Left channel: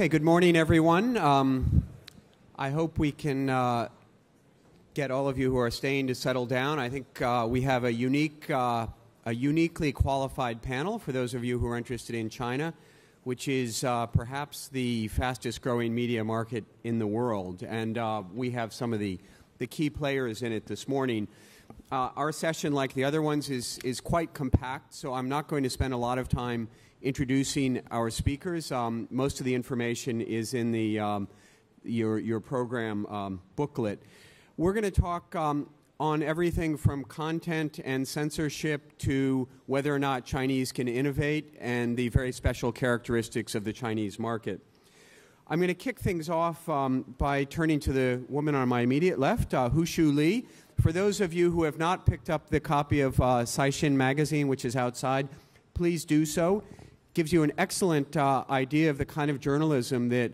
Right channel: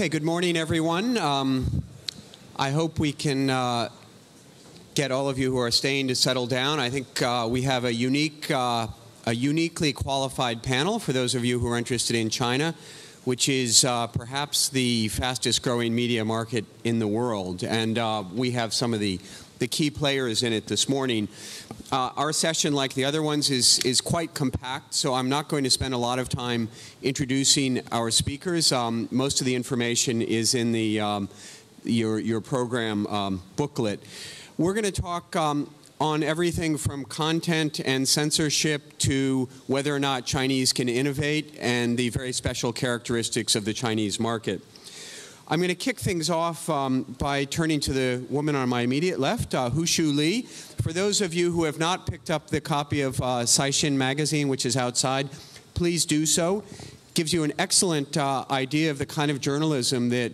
Okay, good morning, everyone. I hope we can get all of you who are staying to settle down. I think we have a uniquely qualified panel for those of you who are interested in China, which is perhaps the fastest growing media market in the world. And we have some of the key players in it this morning. Our session, like the other ones, is quite compact, so I'm not going to spend a lot of time introducing our speakers. Most of the information is in the your program booklet. We're going to talk on everything from content and censorship to whether or not Chinese can innovate and the very special characteristics of the Chinese market. I'm going to kick things off by turning to the woman on my immediate left, Hushu Li. For those of you who have not picked up the copy of Caixin magazine, which is outside, please do so. Gives you an excellent idea of the kind of journalism that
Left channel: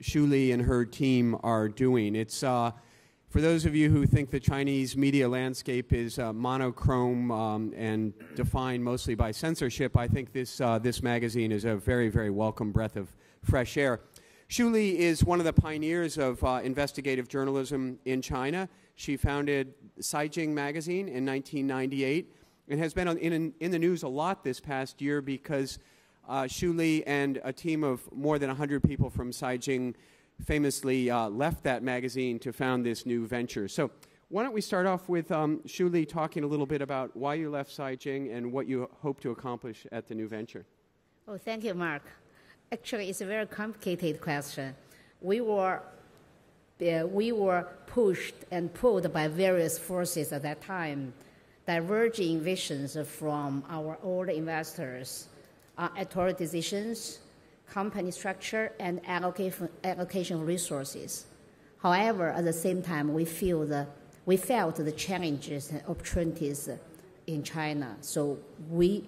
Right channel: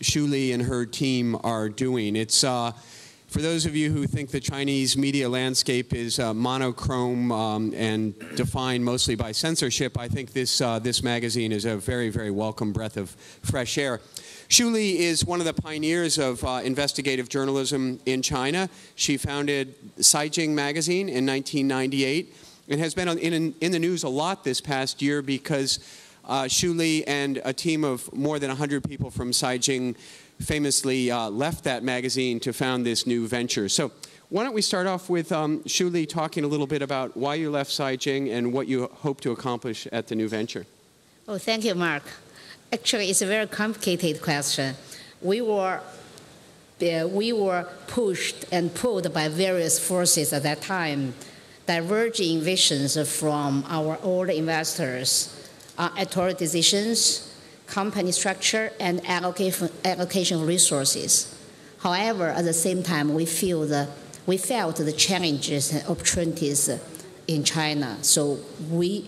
Xu Li and her team are doing. It's for those of you who think the Chinese media landscape is monochrome and defined mostly by censorship, I think this magazine is a very, very welcome breath of fresh air. Xu Li is one of the pioneers of investigative journalism in China. She founded Caixin magazine in 1998 and has been in the news a lot this past year because Xu Li and a team of more than 100 people from Caixin famously left that magazine to found this new venture. So why don't we start off with Xu Li talking a little bit about why you left Caixin and what you hope to accomplish at the new venture. Oh, thank you, Mark. Actually, it's a very complicated question. We were pushed and pulled by various forces at that time, diverging visions from our old investors on editorial decisions, company structure, and allocation of resources. However, at the same time, we felt the challenges and opportunities in China, so we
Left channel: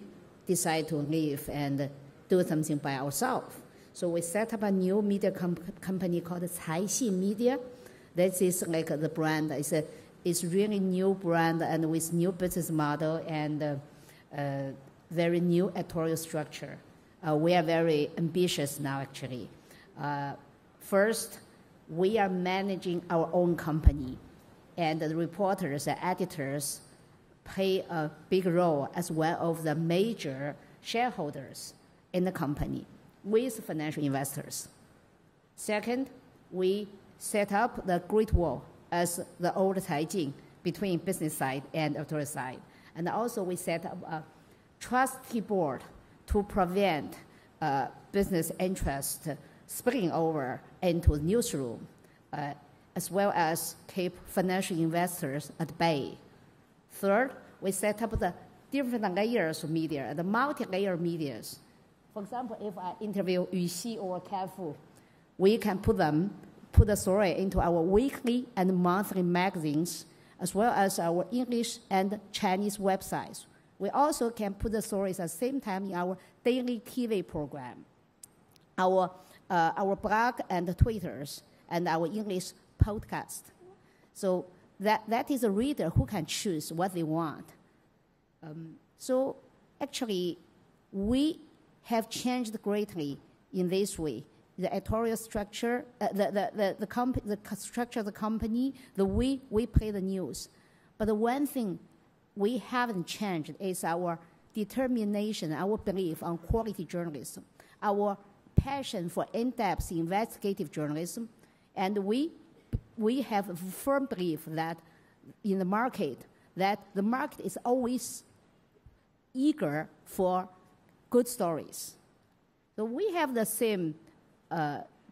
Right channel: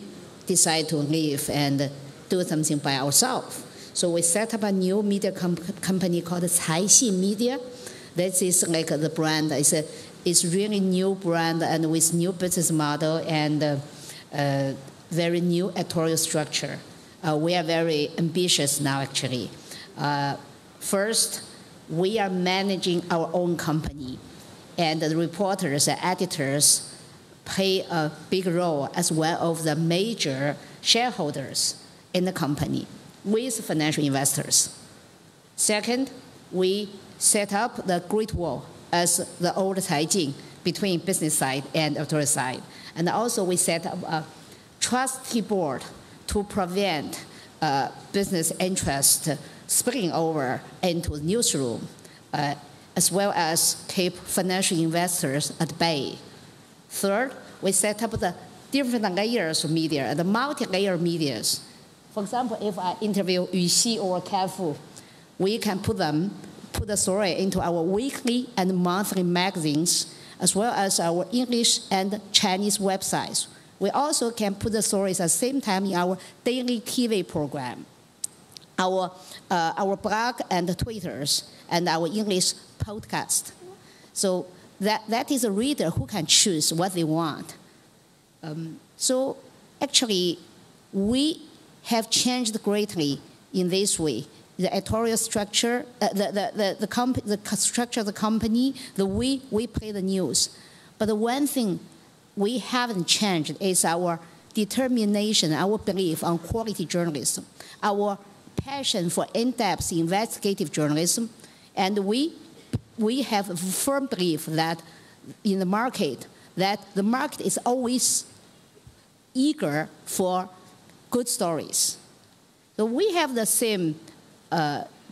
decided to leave and do something by ourselves. So we set up a new media company called Caixin Media. That is like the brand. It's really new brand and with new business model and very new editorial structure. We are very ambitious now, actually. First, we are managing our own company, and the reporters and editors play a big role as well as the major shareholders in the company with financial investors. Second, we set up the Great Wall as the old Caixin between business side and editorial side. And also we set up a trustee board to prevent business interest spilling over into the newsroom, as well as keep financial investors at bay. Third, we set up the different layers of media, the multi-layer medias. For example, if I interview Yuxi or Carrefour, we can put the story into our weekly and monthly magazines, as well as our English and Chinese websites. We also can put the stories at the same time in our daily TV program, our blog and Twitters, and our English podcast. So that is a reader who can choose what they want. So actually, we have changed greatly in this way. The editorial structure, the structure of the company, the way we play the news. But the one thing we haven't changed is our determination, our belief on quality journalism, our passion for in-depth investigative journalism, and we have a firm belief that in the market, that the market is always eager for good stories. So we have the same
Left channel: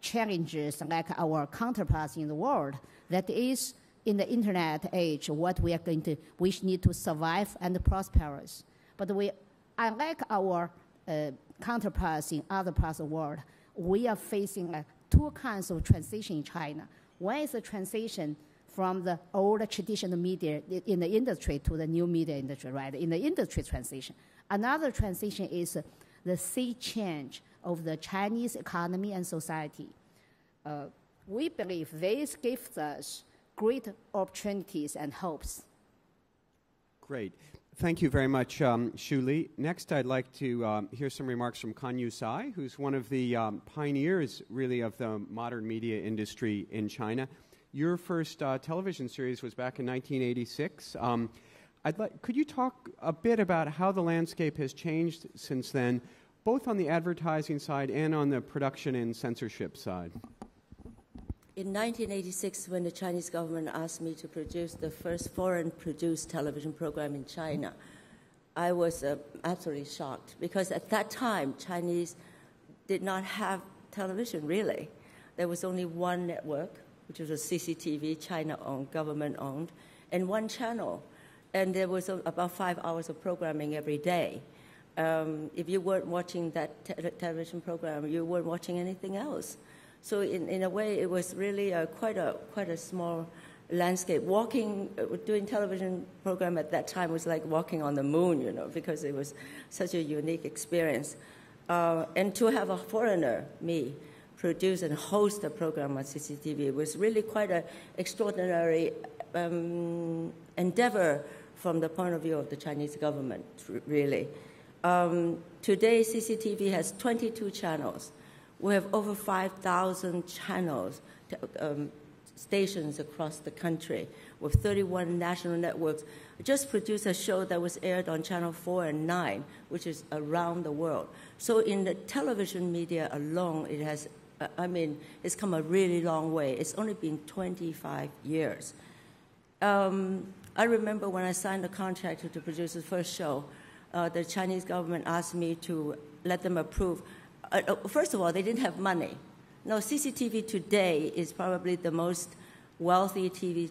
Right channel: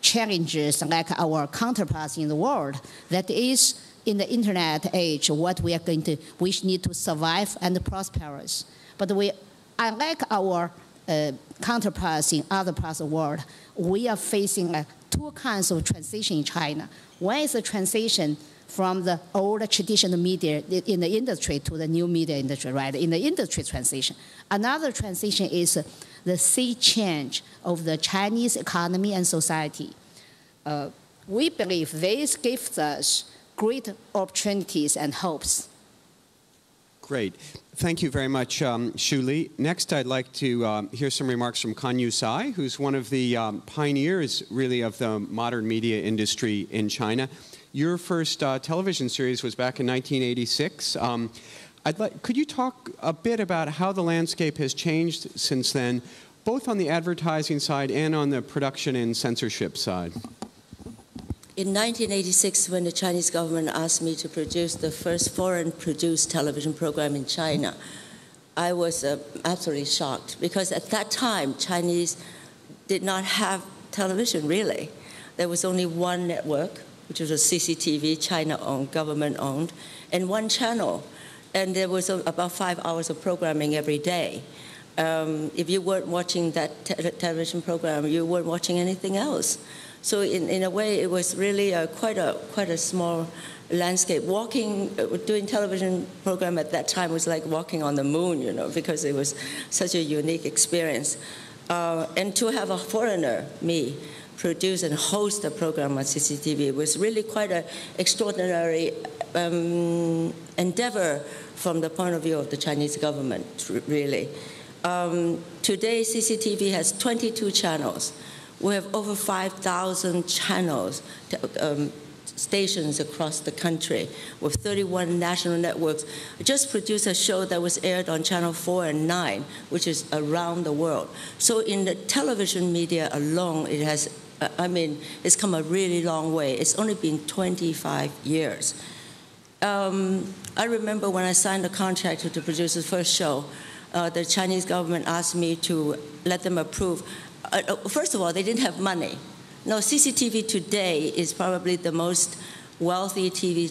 challenges like our counterparts in the world. That is, in the internet age, what we need to survive and prosper. But unlike our counterparts in other parts of the world, we are facing two kinds of transition in China. One is the transition from the old traditional media in the industry to the new media industry, right? In the industry transition. Another transition is the sea change of the Chinese economy and society. We believe this gives us great opportunities and hopes. Great. Thank you very much, Shu Li. Next, I'd like to hear some remarks from Kanyu Sai, who's one of the pioneers, really, of the modern media industry in China. Your first television series was back in 1986. Could you talk a bit about how the landscape has changed since then, both on the advertising side and on the production and censorship side? In 1986, when the Chinese government asked me to produce the first foreign-produced television program in China, I was absolutely shocked, because at that time, Chinese did not have television, really. There was only one network, which was a CCTV, China-owned, government-owned, and one channel. And there was about 5 hours of programming every day. If you weren't watching that television program, you weren't watching anything else. So in a way, it was really quite a small landscape. Doing television program at that time was like walking on the moon, you know, because it was such a unique experience. And to have a foreigner, me, produce and host a program on CCTV was really quite an extraordinary endeavor from the point of view of the Chinese government, really. Today, CCTV has 22 channels. We have over 5,000 channels, stations across the country with 31 national networks. I just produced a show that was aired on Channel 4 and 9, which is around the world. So in the television media alone, it has, it's come a really long way. It's only been 25 years. I remember when I signed the contract to produce the first show, the Chinese government asked me to let them approve. First of all, they didn't have money. Now, CCTV today is probably the most wealthy TV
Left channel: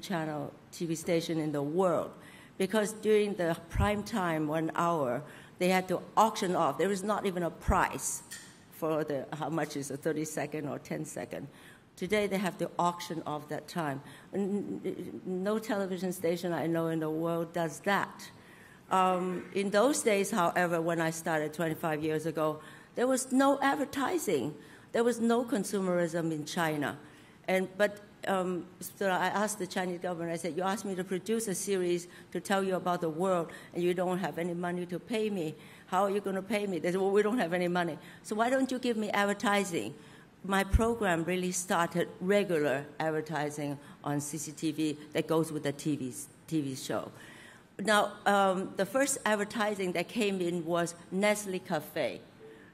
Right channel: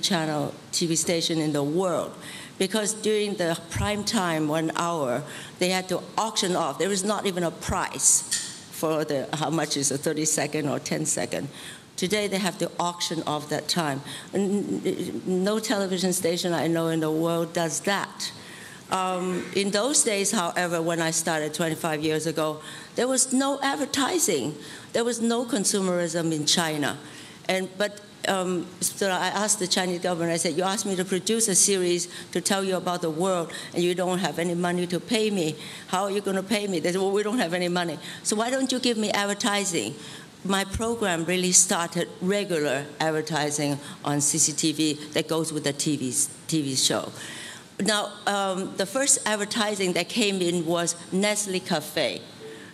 station in the world, because during the prime time 1 hour, they had to auction off. There was not even a price for how much is a 30-second or 10-second. Today, they have to auction off that time. No television station I know in the world does that. In those days, however, when I started 25 years ago, there was no advertising. There was no consumerism in China. So I asked the Chinese government, I said, you asked me to produce a series to tell you about the world, and you don't have any money to pay me. How are you going to pay me? They said, well, we don't have any money. So why don't you give me advertising? My program really started regular advertising on CCTV that goes with the TV show. Now, the first advertising that came in was Nestle Cafe.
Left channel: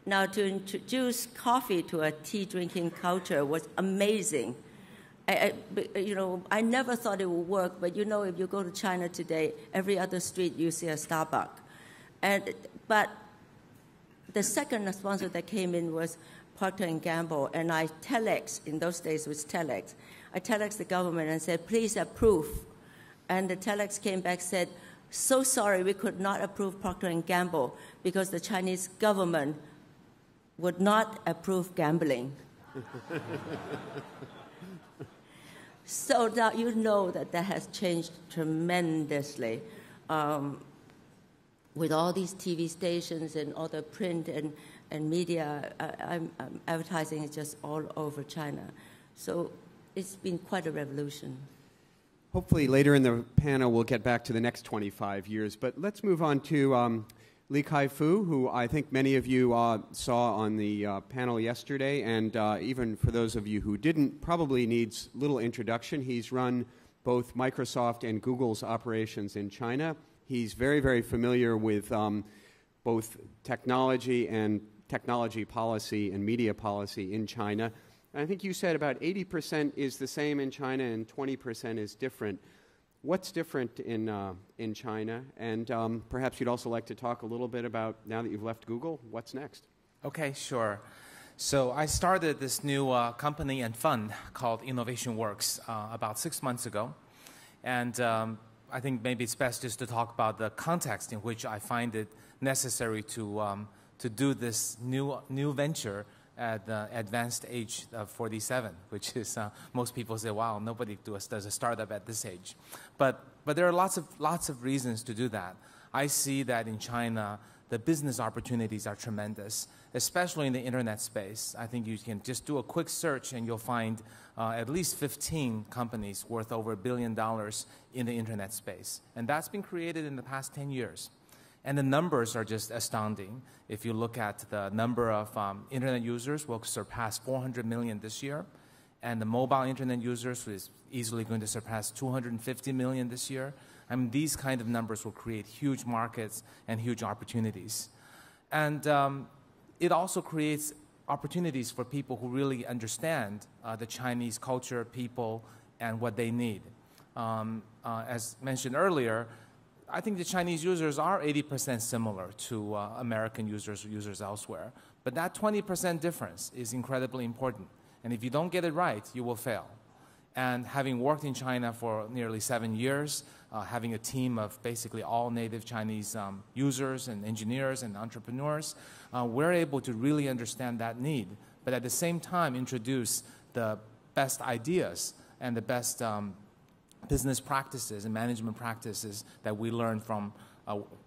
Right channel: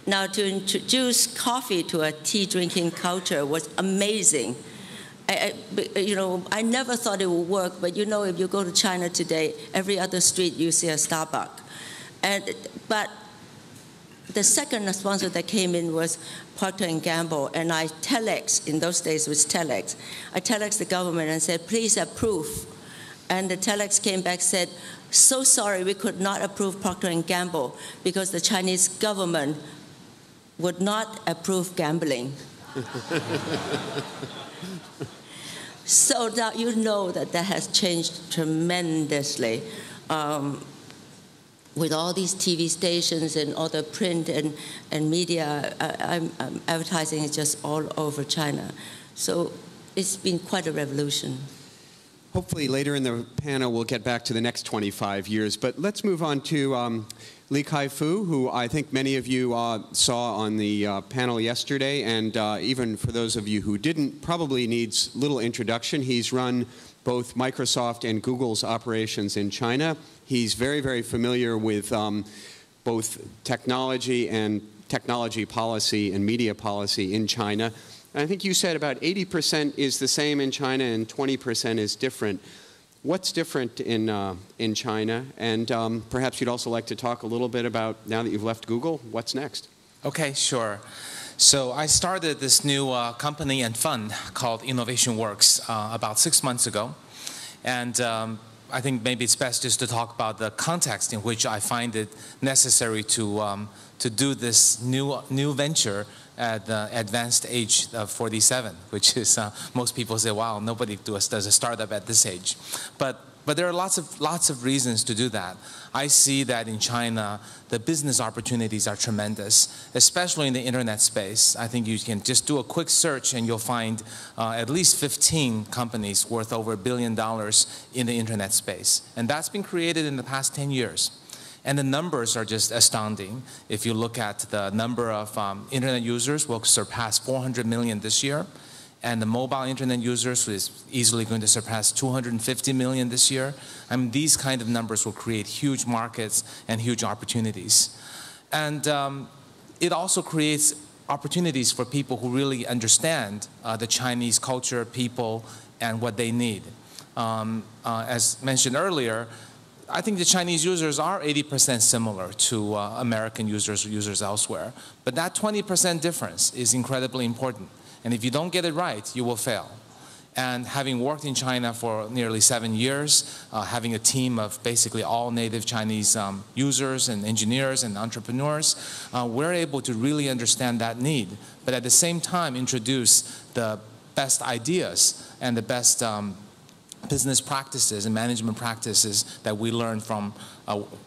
Now, to introduce coffee to a tea-drinking culture was amazing. You know, I never thought it would work, but you know, if you go to China today, every other street you see a Starbucks. But the second sponsor that came in was Procter & Gamble, and I telex, in those days it was telex. I telex the government and said, please approve. And the telex came back and said, so sorry, we could not approve Procter & Gamble because the Chinese government would not approve gambling. So now you know that has changed tremendously. With all these TV stations and all the print and media, advertising is just all over China. So it's been quite a revolution. Hopefully later in the panel we'll get back to the next 25 years. But let's move on to Li Kai-fu, who I think many of you saw on the panel yesterday. And even for those of you who didn't, probably needs little introduction. He's run both Microsoft and Google's operations in China. He's very, very familiar with both technology and technology policy and media policy in China. And I think you said about 80% is the same in China and 20% is different. What's different in China? And perhaps you'd also like to talk a little bit about, now that you've left Google, what's next? Okay, sure. So I started this new company and fund called Innovation Works about 6 months ago. And I think maybe it's best just to talk about the context in which I find it necessary to do this new venture at the advanced age of 47, which is, most people say, wow, nobody does a startup at this age. But But there are lots of reasons to do that. I see that in China, the business opportunities are tremendous, especially in the internet space. I think you can just do a quick search and you'll find at least 15 companies worth over $1 billion in the internet space. And that's been created in the past 10 years. And the numbers are just astounding. If you look at the number of internet users, will surpass 400 million this year. And the mobile internet users is easily going to surpass 250 million this year. I mean, these kind of numbers will create huge markets and huge opportunities. And it also creates opportunities for people who really understand the Chinese culture, people, and what they need. As mentioned earlier, I think the Chinese users are 80% similar to American users elsewhere. But that 20% difference is incredibly important. And if you don't get it right, you will fail. And having worked in China for nearly 7 years, having a team of basically all native Chinese users and engineers and entrepreneurs, we're able to really understand that need, but at the same time introduce the best ideas and the best business practices and management practices that we learn from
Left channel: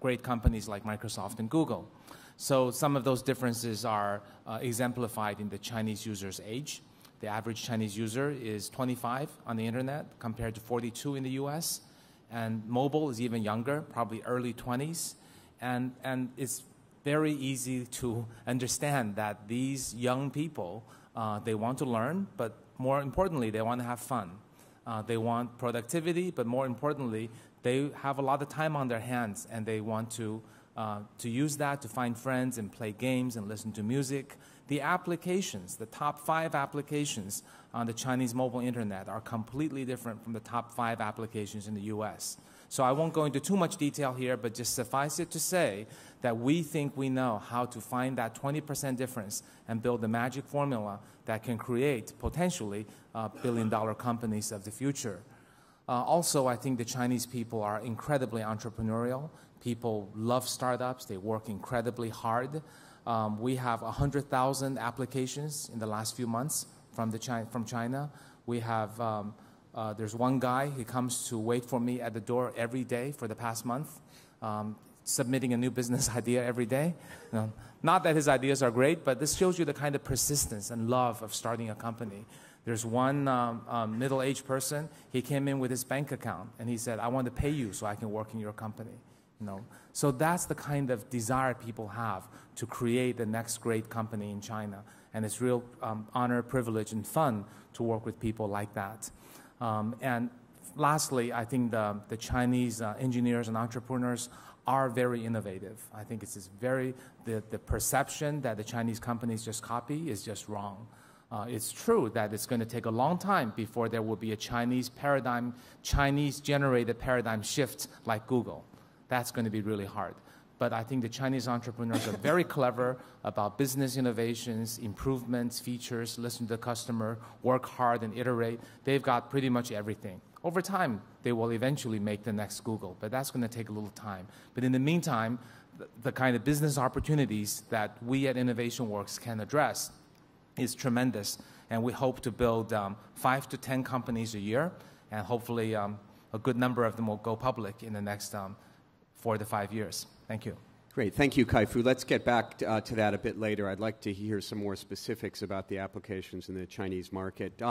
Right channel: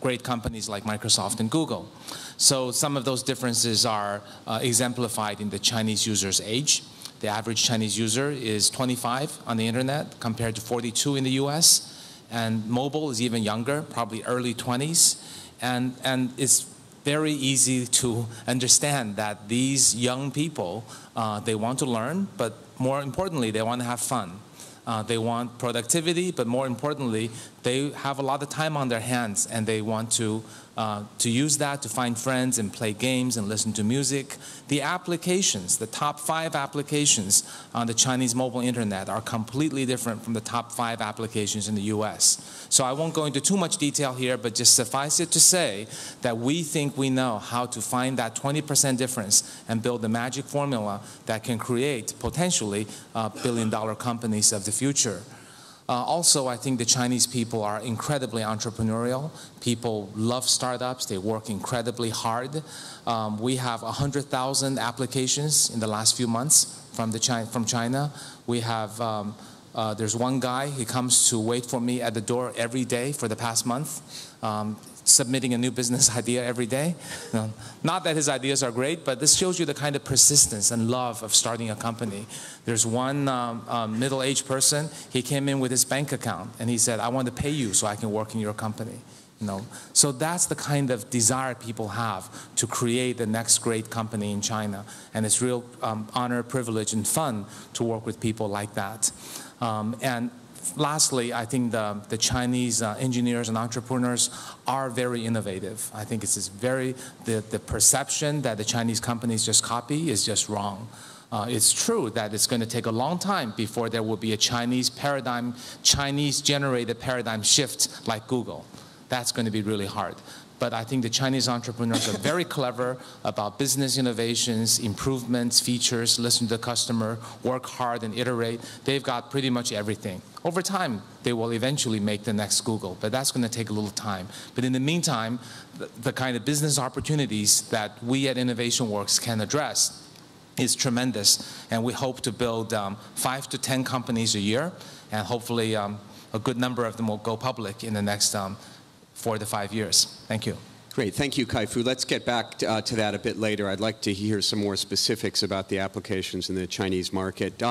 great companies like Microsoft and Google. So some of those differences are exemplified in the Chinese user's age. The average Chinese user is 25 on the internet compared to 42 in the US. And mobile is even younger, probably early 20s. And it's very easy to understand that these young people, they want to learn, but more importantly, they want to have fun. They want productivity, but more importantly, they have a lot of time on their hands and they want to use that to find friends and play games and listen to music. The applications, the top 5 applications on the Chinese mobile internet are completely different from the top 5 applications in the US. So I won't go into too much detail here, but just suffice it to say that we think we know how to find that 20% difference and build the magic formula that can create potentially billion-dollar companies of the future. Also, I think the Chinese people are incredibly entrepreneurial. People love startups. They work incredibly hard. We have 100,000 applications in the last few months from China. We have, there's one guy, he comes to wait for me at the door every day for the past month, submitting a new business idea every day. Not that his ideas are great, but this shows you the kind of persistence and love of starting a company. There's one middle-aged person, he came in with his bank account and he said, I want to pay you so I can work in your company. So that's the kind of desire people have to create the next great company in China. And it's real honor, privilege, and fun to work with people like that. And lastly, I think the Chinese engineers and entrepreneurs are very innovative. I think it's the perception that the Chinese companies just copy is just wrong. It's true that it's going to take a long time before there will be a Chinese-generated paradigm shift like Google. That's going to be really hard. But I think the Chinese entrepreneurs are very clever about business innovations, improvements, features, listen to the customer, work hard and iterate. They've got pretty much everything. Over time, they will eventually make the next Google, but that's going to take a little time. But in the meantime, the kind of business opportunities that we at InnovationWorks can address is tremendous. And we hope to build 5 to 10 companies a year, and hopefully a good number of them will go public in the next 4 to 5 years. Thank you. Great. Thank you, Kai-Fu. Let's get back to that a bit later. I'd like to hear some more specifics about the applications in the Chinese market.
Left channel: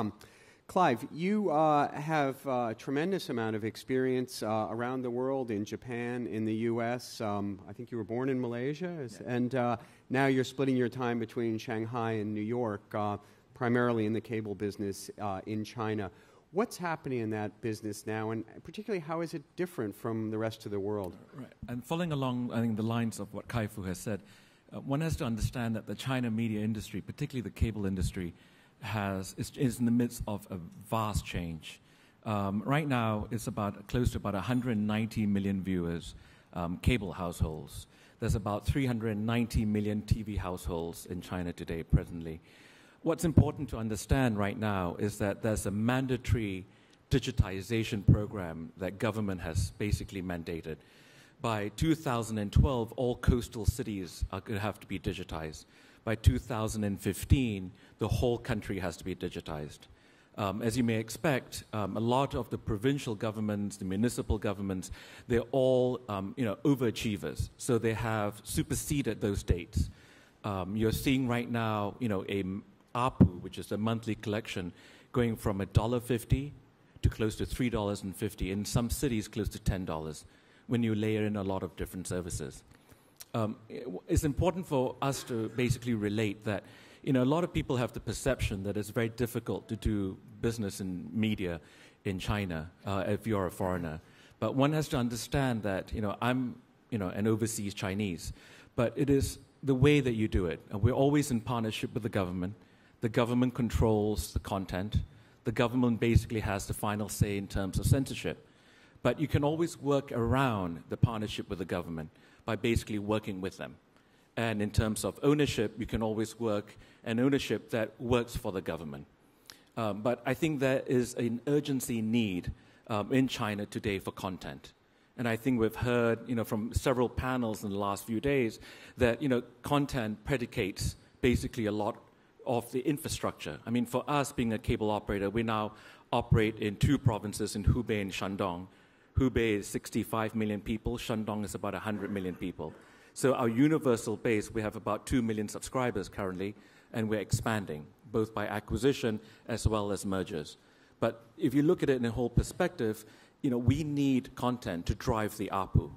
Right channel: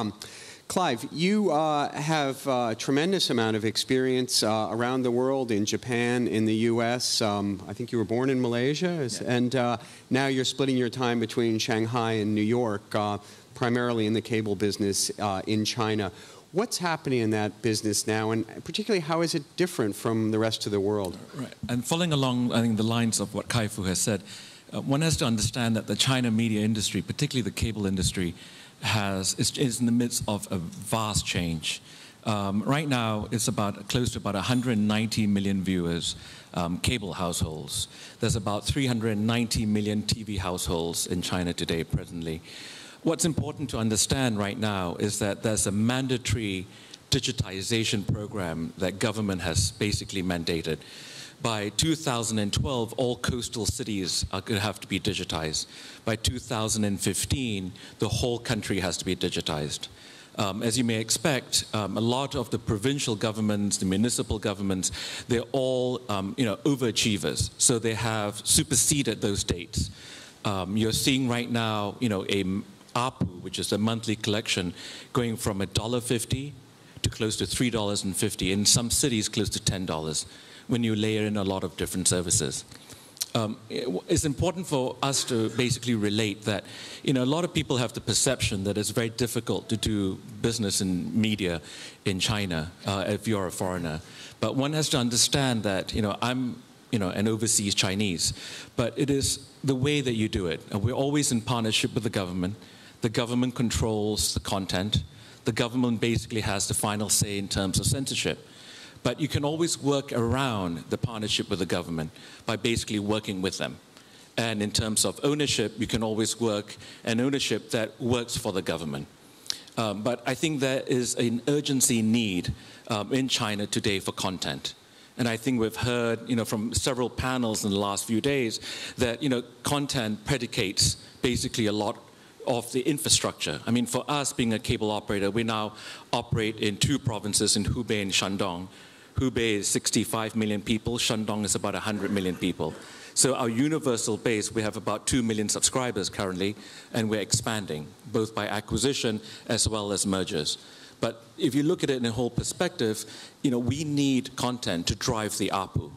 Clive, you have a tremendous amount of experience around the world, in Japan, in the US. I think you were born in Malaysia, Yeah. and now you're splitting your time between Shanghai and New York, primarily in the cable business in China. What's happening in that business now, and particularly how is it different from the rest of the world? Right, and following along, I think, the lines of what Kai-Fu has said, one has to understand that the China media industry, particularly the cable industry, is in the midst of a vast change. Right now, it's close to about 190 million viewers, cable households. There's about 390 million TV households in China today, presently. What's important to understand right now is that there's a mandatory digitization program that government has basically mandated. By 2012, all coastal cities are going to have to be digitized. By 2015, the whole country has to be digitized. As you may expect, a lot of the provincial governments, the municipal governments, they're all overachievers. So they have superseded those states. You're seeing right now, a ARPU, which is a monthly collection, going from $1.50 to close to $3.50, in some cities close to $10 when you layer in a lot of different services. It's important for us to basically relate that, a lot of people have the perception that it's very difficult to do business in media in China if you're a foreigner. But one has to understand that, I'm, an overseas Chinese, but it is the way that you do it. And we're always in partnership with the government. The government controls the content. The government basically has the final say in terms of censorship. But you can always work around the partnership with the government by basically working with them. And in terms of ownership, you can always work an ownership that works for the government. But I think there is an urgency need in China today for content. And I think we've heard, from several panels in the last few days that, content predicates basically a lot of the infrastructure. I mean, for us being a cable operator, we now operate in 2 provinces, in Hubei and Shandong. Hubei is 65 million people, Shandong is about 100 million people. So our universal base, we have about 2 million subscribers currently, and we're expanding, both by acquisition as well as mergers. But if you look at it in a whole perspective, we need content to drive the ARPU.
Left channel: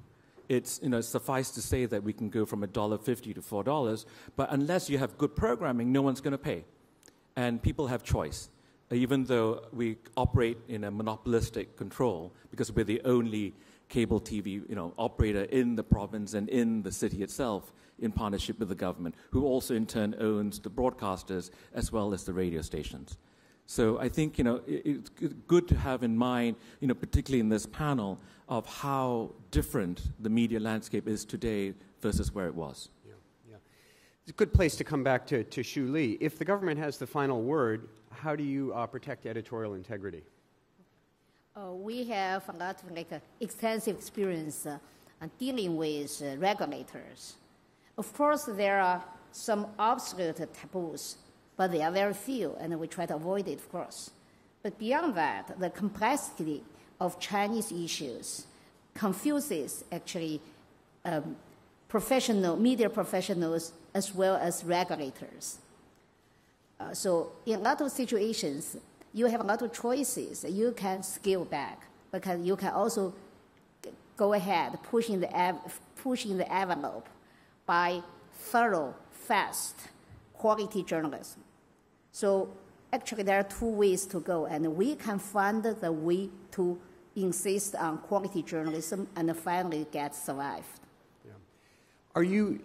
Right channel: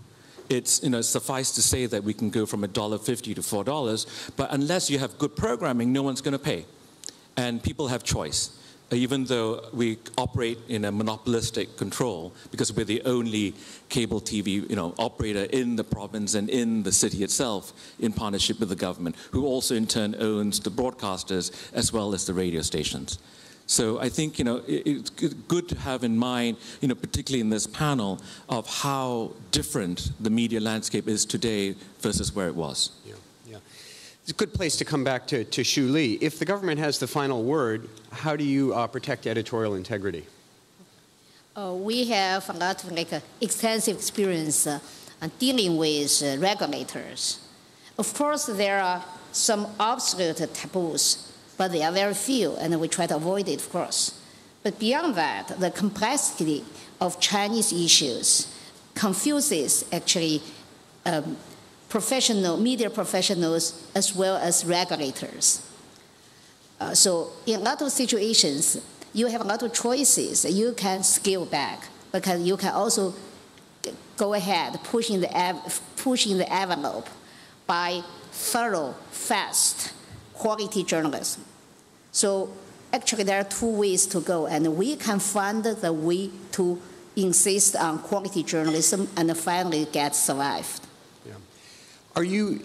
It's, suffice to say that we can go from $1.50 to $4, but unless you have good programming, no one's going to pay. And people have choice, even though we operate in a monopolistic control, because we're the only cable TV, operator in the province and in the city itself, in partnership with the government, who also in turn owns the broadcasters as well as the radio stations. So I think, it's good to have in mind, particularly in this panel, of how different the media landscape is today versus where it was. Yeah. It's a good place to come back to Xu Li. If the government has the final word, how do you protect editorial integrity? We have a lot of extensive experience dealing with regulators. Of course, there are some absolute taboos, but they are very few, and we try to avoid it, of course. But beyond that, the complexity of Chinese issues confuses actually media professionals as well as regulators. So in a lot of situations, you have a lot of choices. You can scale back, because you can also go ahead pushing the envelope by thorough, fast, quality journalism. So actually there are 2 ways to go, and we can find the way to insist on quality journalism and finally get survived. Yeah. Are you,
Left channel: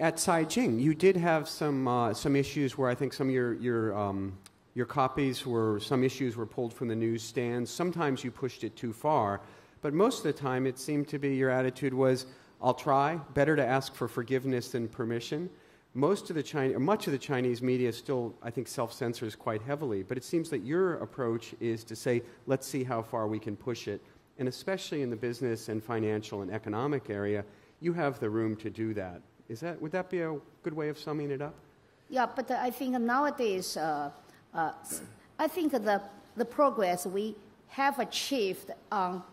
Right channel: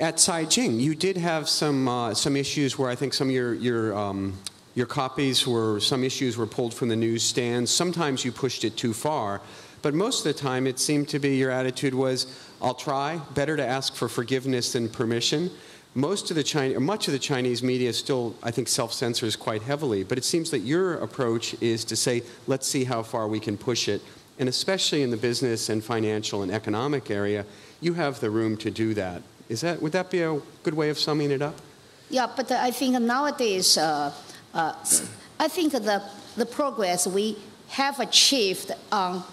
at Caijing, you did have some issues where I think some of your copies some issues were pulled from the newsstands. Sometimes you pushed it too far, but most of the time it seemed to be your attitude was, I'll try, better to ask for forgiveness than permission. Much of the Chinese media still, I think, self-censors quite heavily, but it seems that your approach is to say, let's see how far we can push it, and especially in the business and financial and economic area, you have the room to do that. Would that be a good way of summing it up? Yeah, but I think nowadays, I think the progress we have achieved on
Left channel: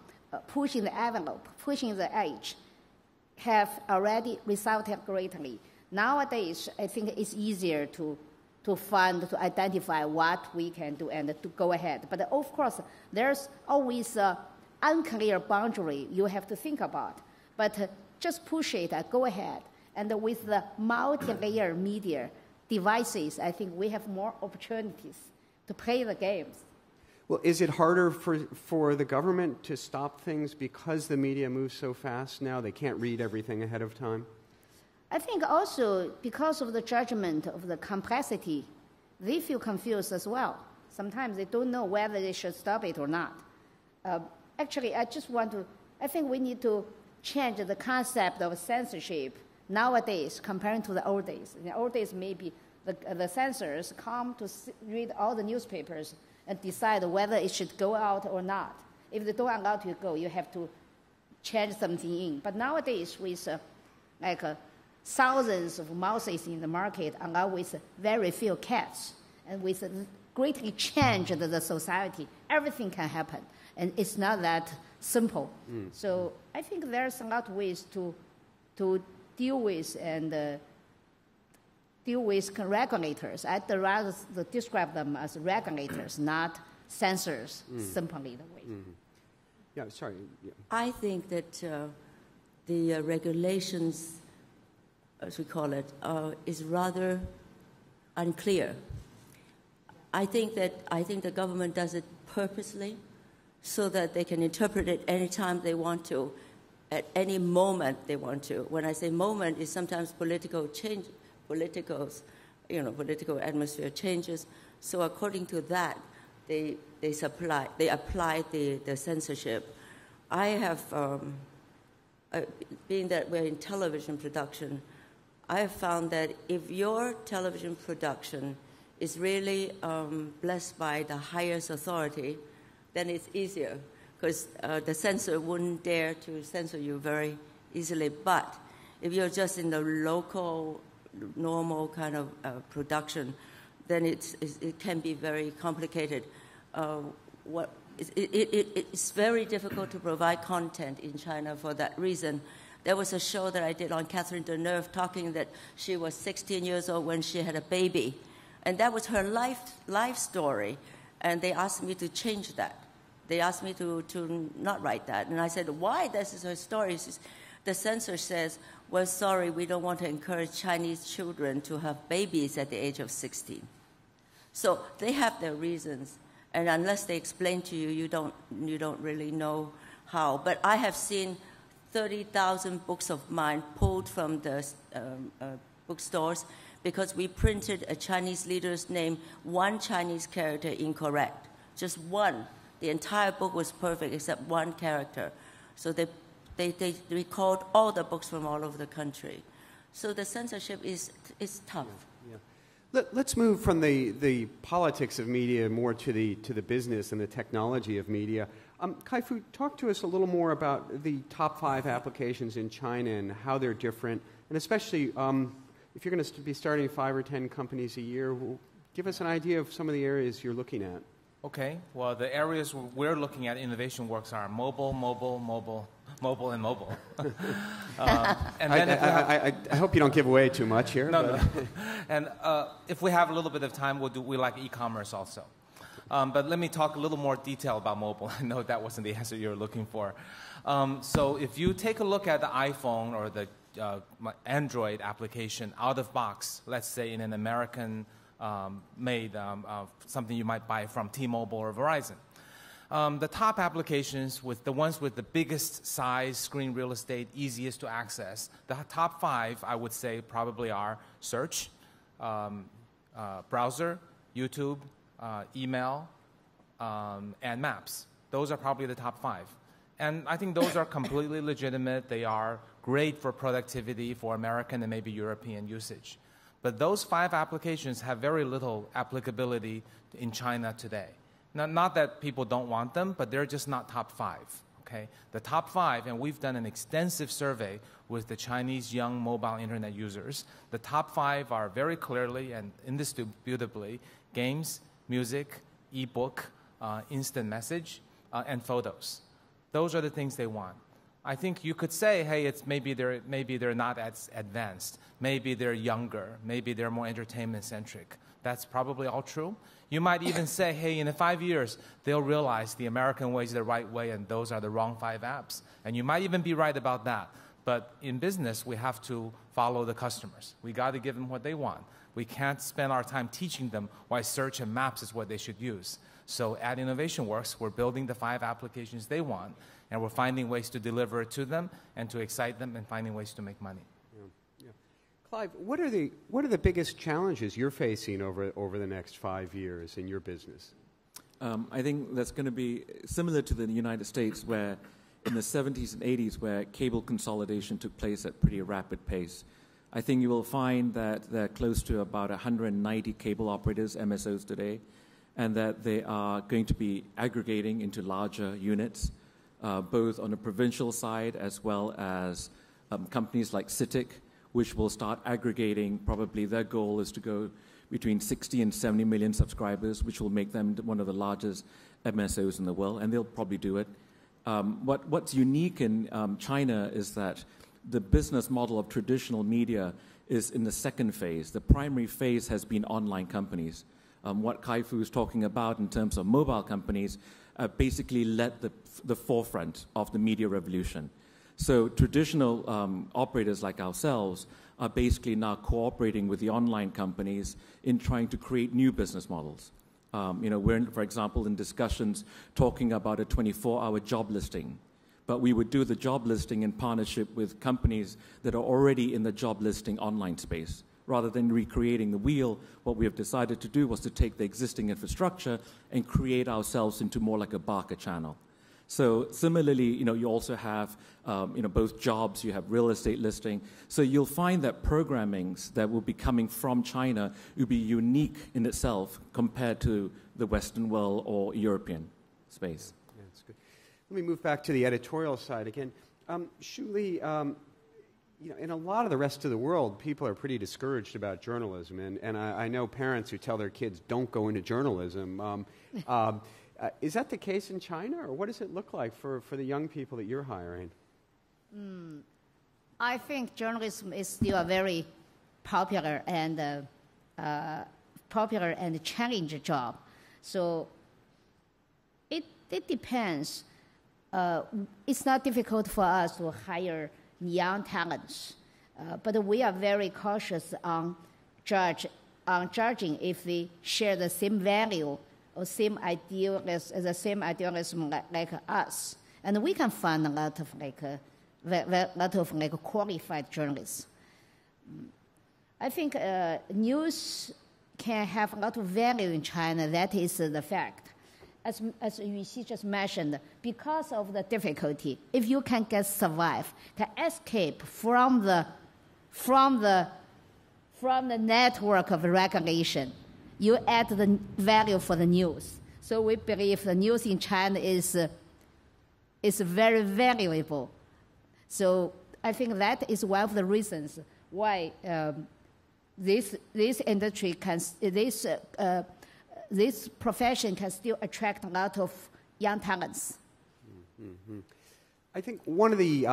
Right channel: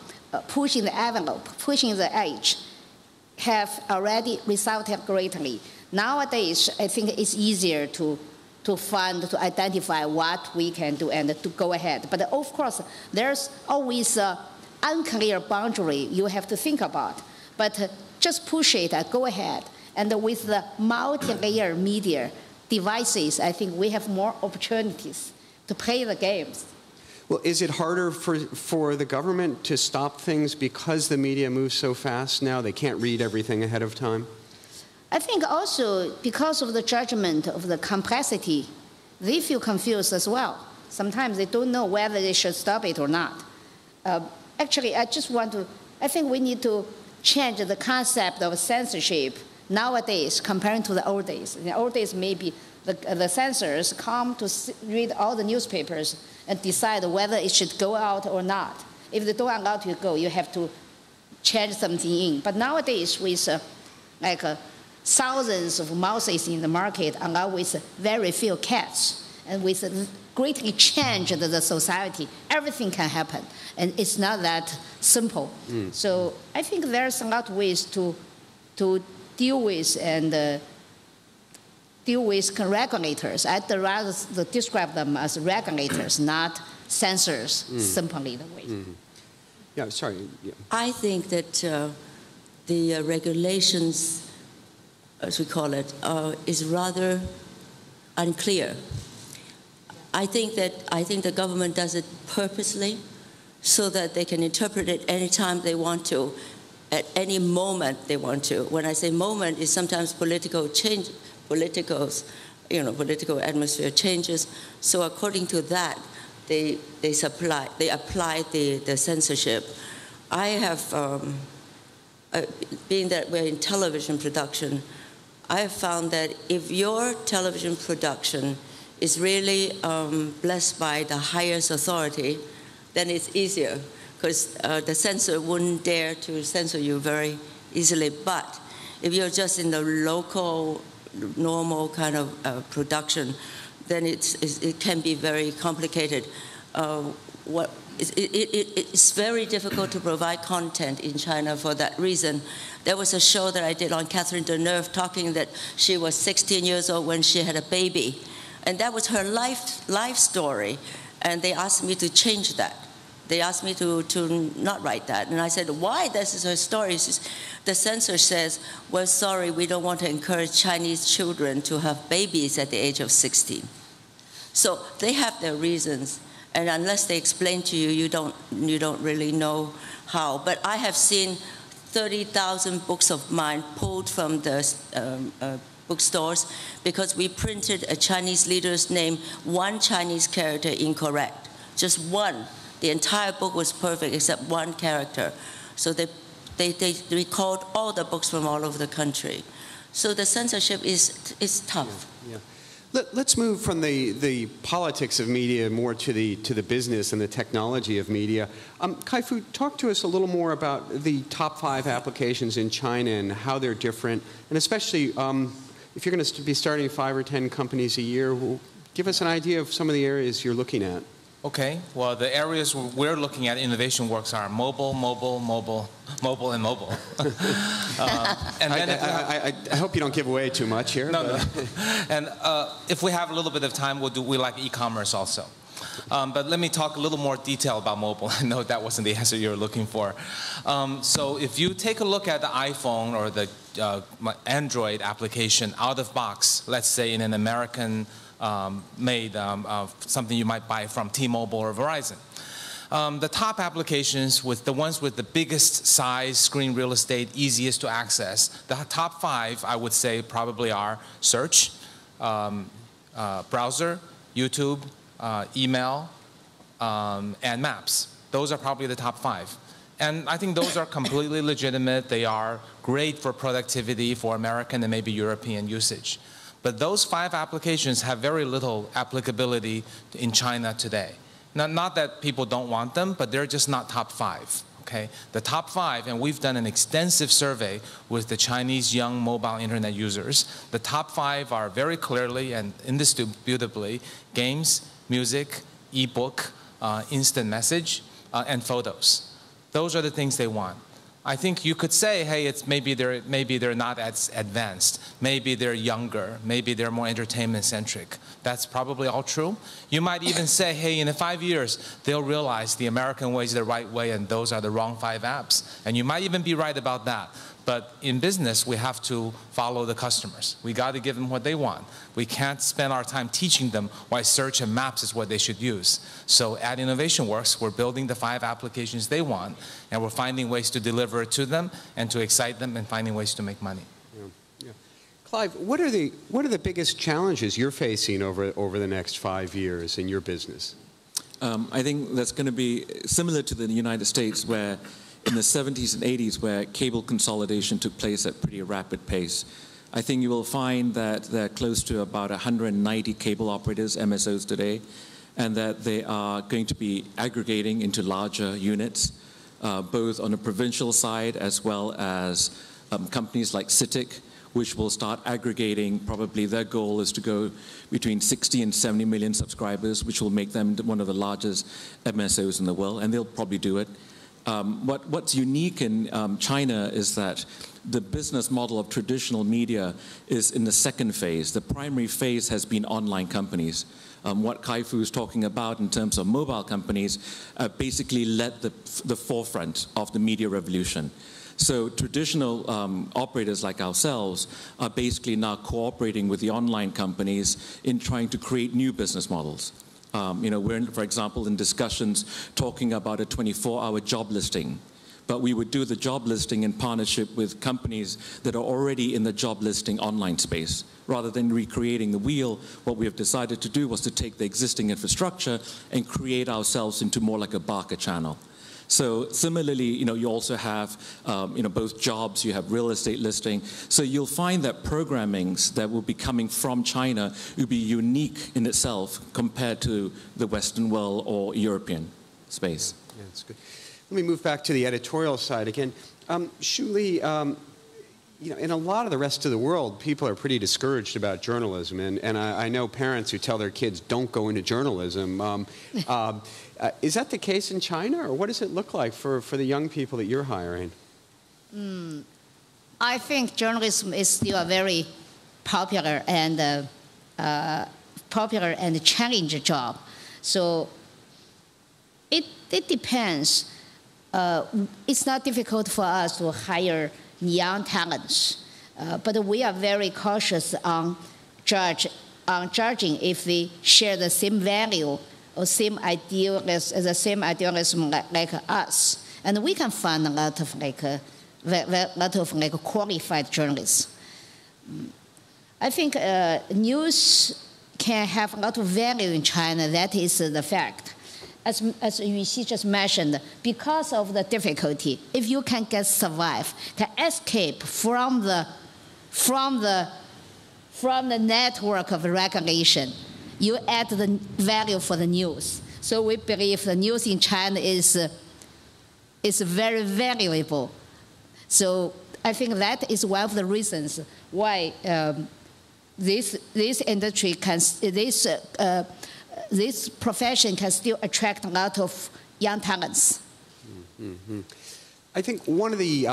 pushing the envelope, pushing the edge, have already resulted greatly. Nowadays, I think it's easier to identify what we can do and to go ahead. But of course, there's always an unclear boundary you have to think about. But just push it and go ahead. And with the multi-layer media devices, I think we have more opportunities to play the games. Well, is it harder for the government to stop things because the media moves so fast now? They can't read everything ahead of time? I think also because of the judgment of the complexity, they feel confused as well. Sometimes they don't know whether they should stop it or not. Actually, I think we need to change the concept of censorship nowadays compared to the old days. In the old days, maybe the censors come to read all the newspapers and decide whether it should go out or not. If they don't allow it to go, you have to change something in. But nowadays, with thousands of mouses in the market, along with very few cats, and with greatly change the society. Everything can happen, and it's not that simple. So I think there's a lot of ways to deal with and deal with regulators. I'd rather describe them as regulators, not censors, simply the way. Yeah, sorry. Yeah. I think that the regulations, as we call it, is rather unclear. I think the government does it purposely so that they can interpret it anytime they want to, at any moment they want to. When I say moment, it's sometimes political change, political atmosphere changes. So according to that, they apply the censorship. I have, being that we're in television production, I have found that if your television production is really blessed by the highest authority, then it's easier, because the censor wouldn't dare to censor you very easily. But if you're just in the local, normal kind of production, then it can be very complicated. It's very difficult to provide content in China for that reason. There was a show that I did on Catherine Deneuve talking that she was 16 years old when she had a baby. And that was her life story. And they asked me to change that. They asked me to not write that. And I said, why? This is her story. The censor says, well, sorry, we don't want to encourage Chinese children to have babies at the age of 16. So they have their reasons. And unless they explain to you, you don't really know how. But I have seen 30,000 books of mine pulled from the bookstores because we printed a Chinese leader's name, one Chinese character incorrect, just one. The entire book was perfect except one character. So they recalled all the books from all over the country. So the censorship is tough. Yeah. Let's move from the politics of media more to the business and the technology of media. Kai-Fu, talk to us a little more about the top 5 applications in China and how they're different, and especially if you're going to be starting 5 or 10 companies a year, give us an idea of some of the areas you're looking at. Okay, well, the areas we're looking at Innovation Works are mobile, and mobile. And then I hope you don't give away too much here. No. And if we have a little bit of time, we like e-commerce also. But let me talk a little more detail about mobile. I know that wasn't the answer you were looking for. So if you take a look at the iPhone or the Android application out of box, let's say in an American made something you might buy from T-Mobile or Verizon. The top applications, with the ones with the biggest size, screen real estate, easiest to access, the top 5 I would say probably are search, browser, YouTube, email, and maps. Those are probably the top 5. And I think those are completely legitimate. They are great for productivity for American and maybe European usage. But those 5 applications have very little applicability in China today. Now, not that people don't want them, but they're just not top 5. Okay? The top 5, and we've done an extensive survey with the Chinese young mobile internet users. The top 5 are very clearly and indisputably games, music, ebook, instant message, and photos. Those are the things they want. I think you could say, hey, maybe they're not as advanced, maybe they're younger, maybe they're more entertainment-centric. That's probably all true. You might even say, hey, in 5 years, they'll realize the American way is the right way and those are the wrong 5 apps. And you might even be right about that. But in business, we have to follow the customers. We got to give them what they want. We can't spend our time teaching them why search and maps is what they should use. So at Innovation Works, we're building the 5 applications they want, and we're finding ways to deliver it to them and to excite them and finding ways to make money. Yeah. Clive, what are the biggest challenges you're facing over the next 5 years in your business? I think that's going to be similar to the United States, where in the 70s and 80s, where cable consolidation took place at pretty rapid pace. I think you will find that there are close to about 190 cable operators, MSOs today, and that they are going to be aggregating into larger units, both on the provincial side as well as companies like CITIC which will start aggregating. Probably their goal is to go between 60 and 70 million subscribers, which will make them one of the largest MSOs in the world, and they'll probably do it. What's unique in China is that the business model of traditional media is in the second phase. The primary phase has been online companies. What Kai-Fu is talking about in terms of mobile companies basically led the forefront of the media revolution. So traditional operators like ourselves are basically now cooperating with the online companies in trying to create new business models. We're, for example, in discussions talking about a 24-hour job listing. But we would do the job listing in partnership with companies that are already in the job listing online space. Rather than recreating the wheel, what we have decided to do was to take the existing infrastructure and create ourselves into more like a Barker channel. So similarly, you also have, both jobs, you have real estate listing. So you'll find that programmings that will be coming from China will be unique in itself compared to the Western world or European space. Yeah, that's good. Let me move back to the editorial side again. Shu Li, in a lot of the rest of the world, people are pretty discouraged about journalism, and I know parents who tell their kids, don't go into journalism. Is that the case in China, or what does it look like for the young people that you're hiring? I think journalism is still a very popular and challenging job. So it depends. It's not difficult for us to hire young talents, but we are very cautious on judging if we share the same value or same idealism like us. And we can find a lot of qualified journalists. I think news can have a lot of value in China. That is the fact. As Yuxi just mentioned, because of the difficulty, if you can survive, to escape from the network of regulation, you add the value for the news. So we believe the news in China is very valuable. So I think that is one of the reasons why this industry can this profession can still attract a lot of young talents. Mm-hmm. I think one of the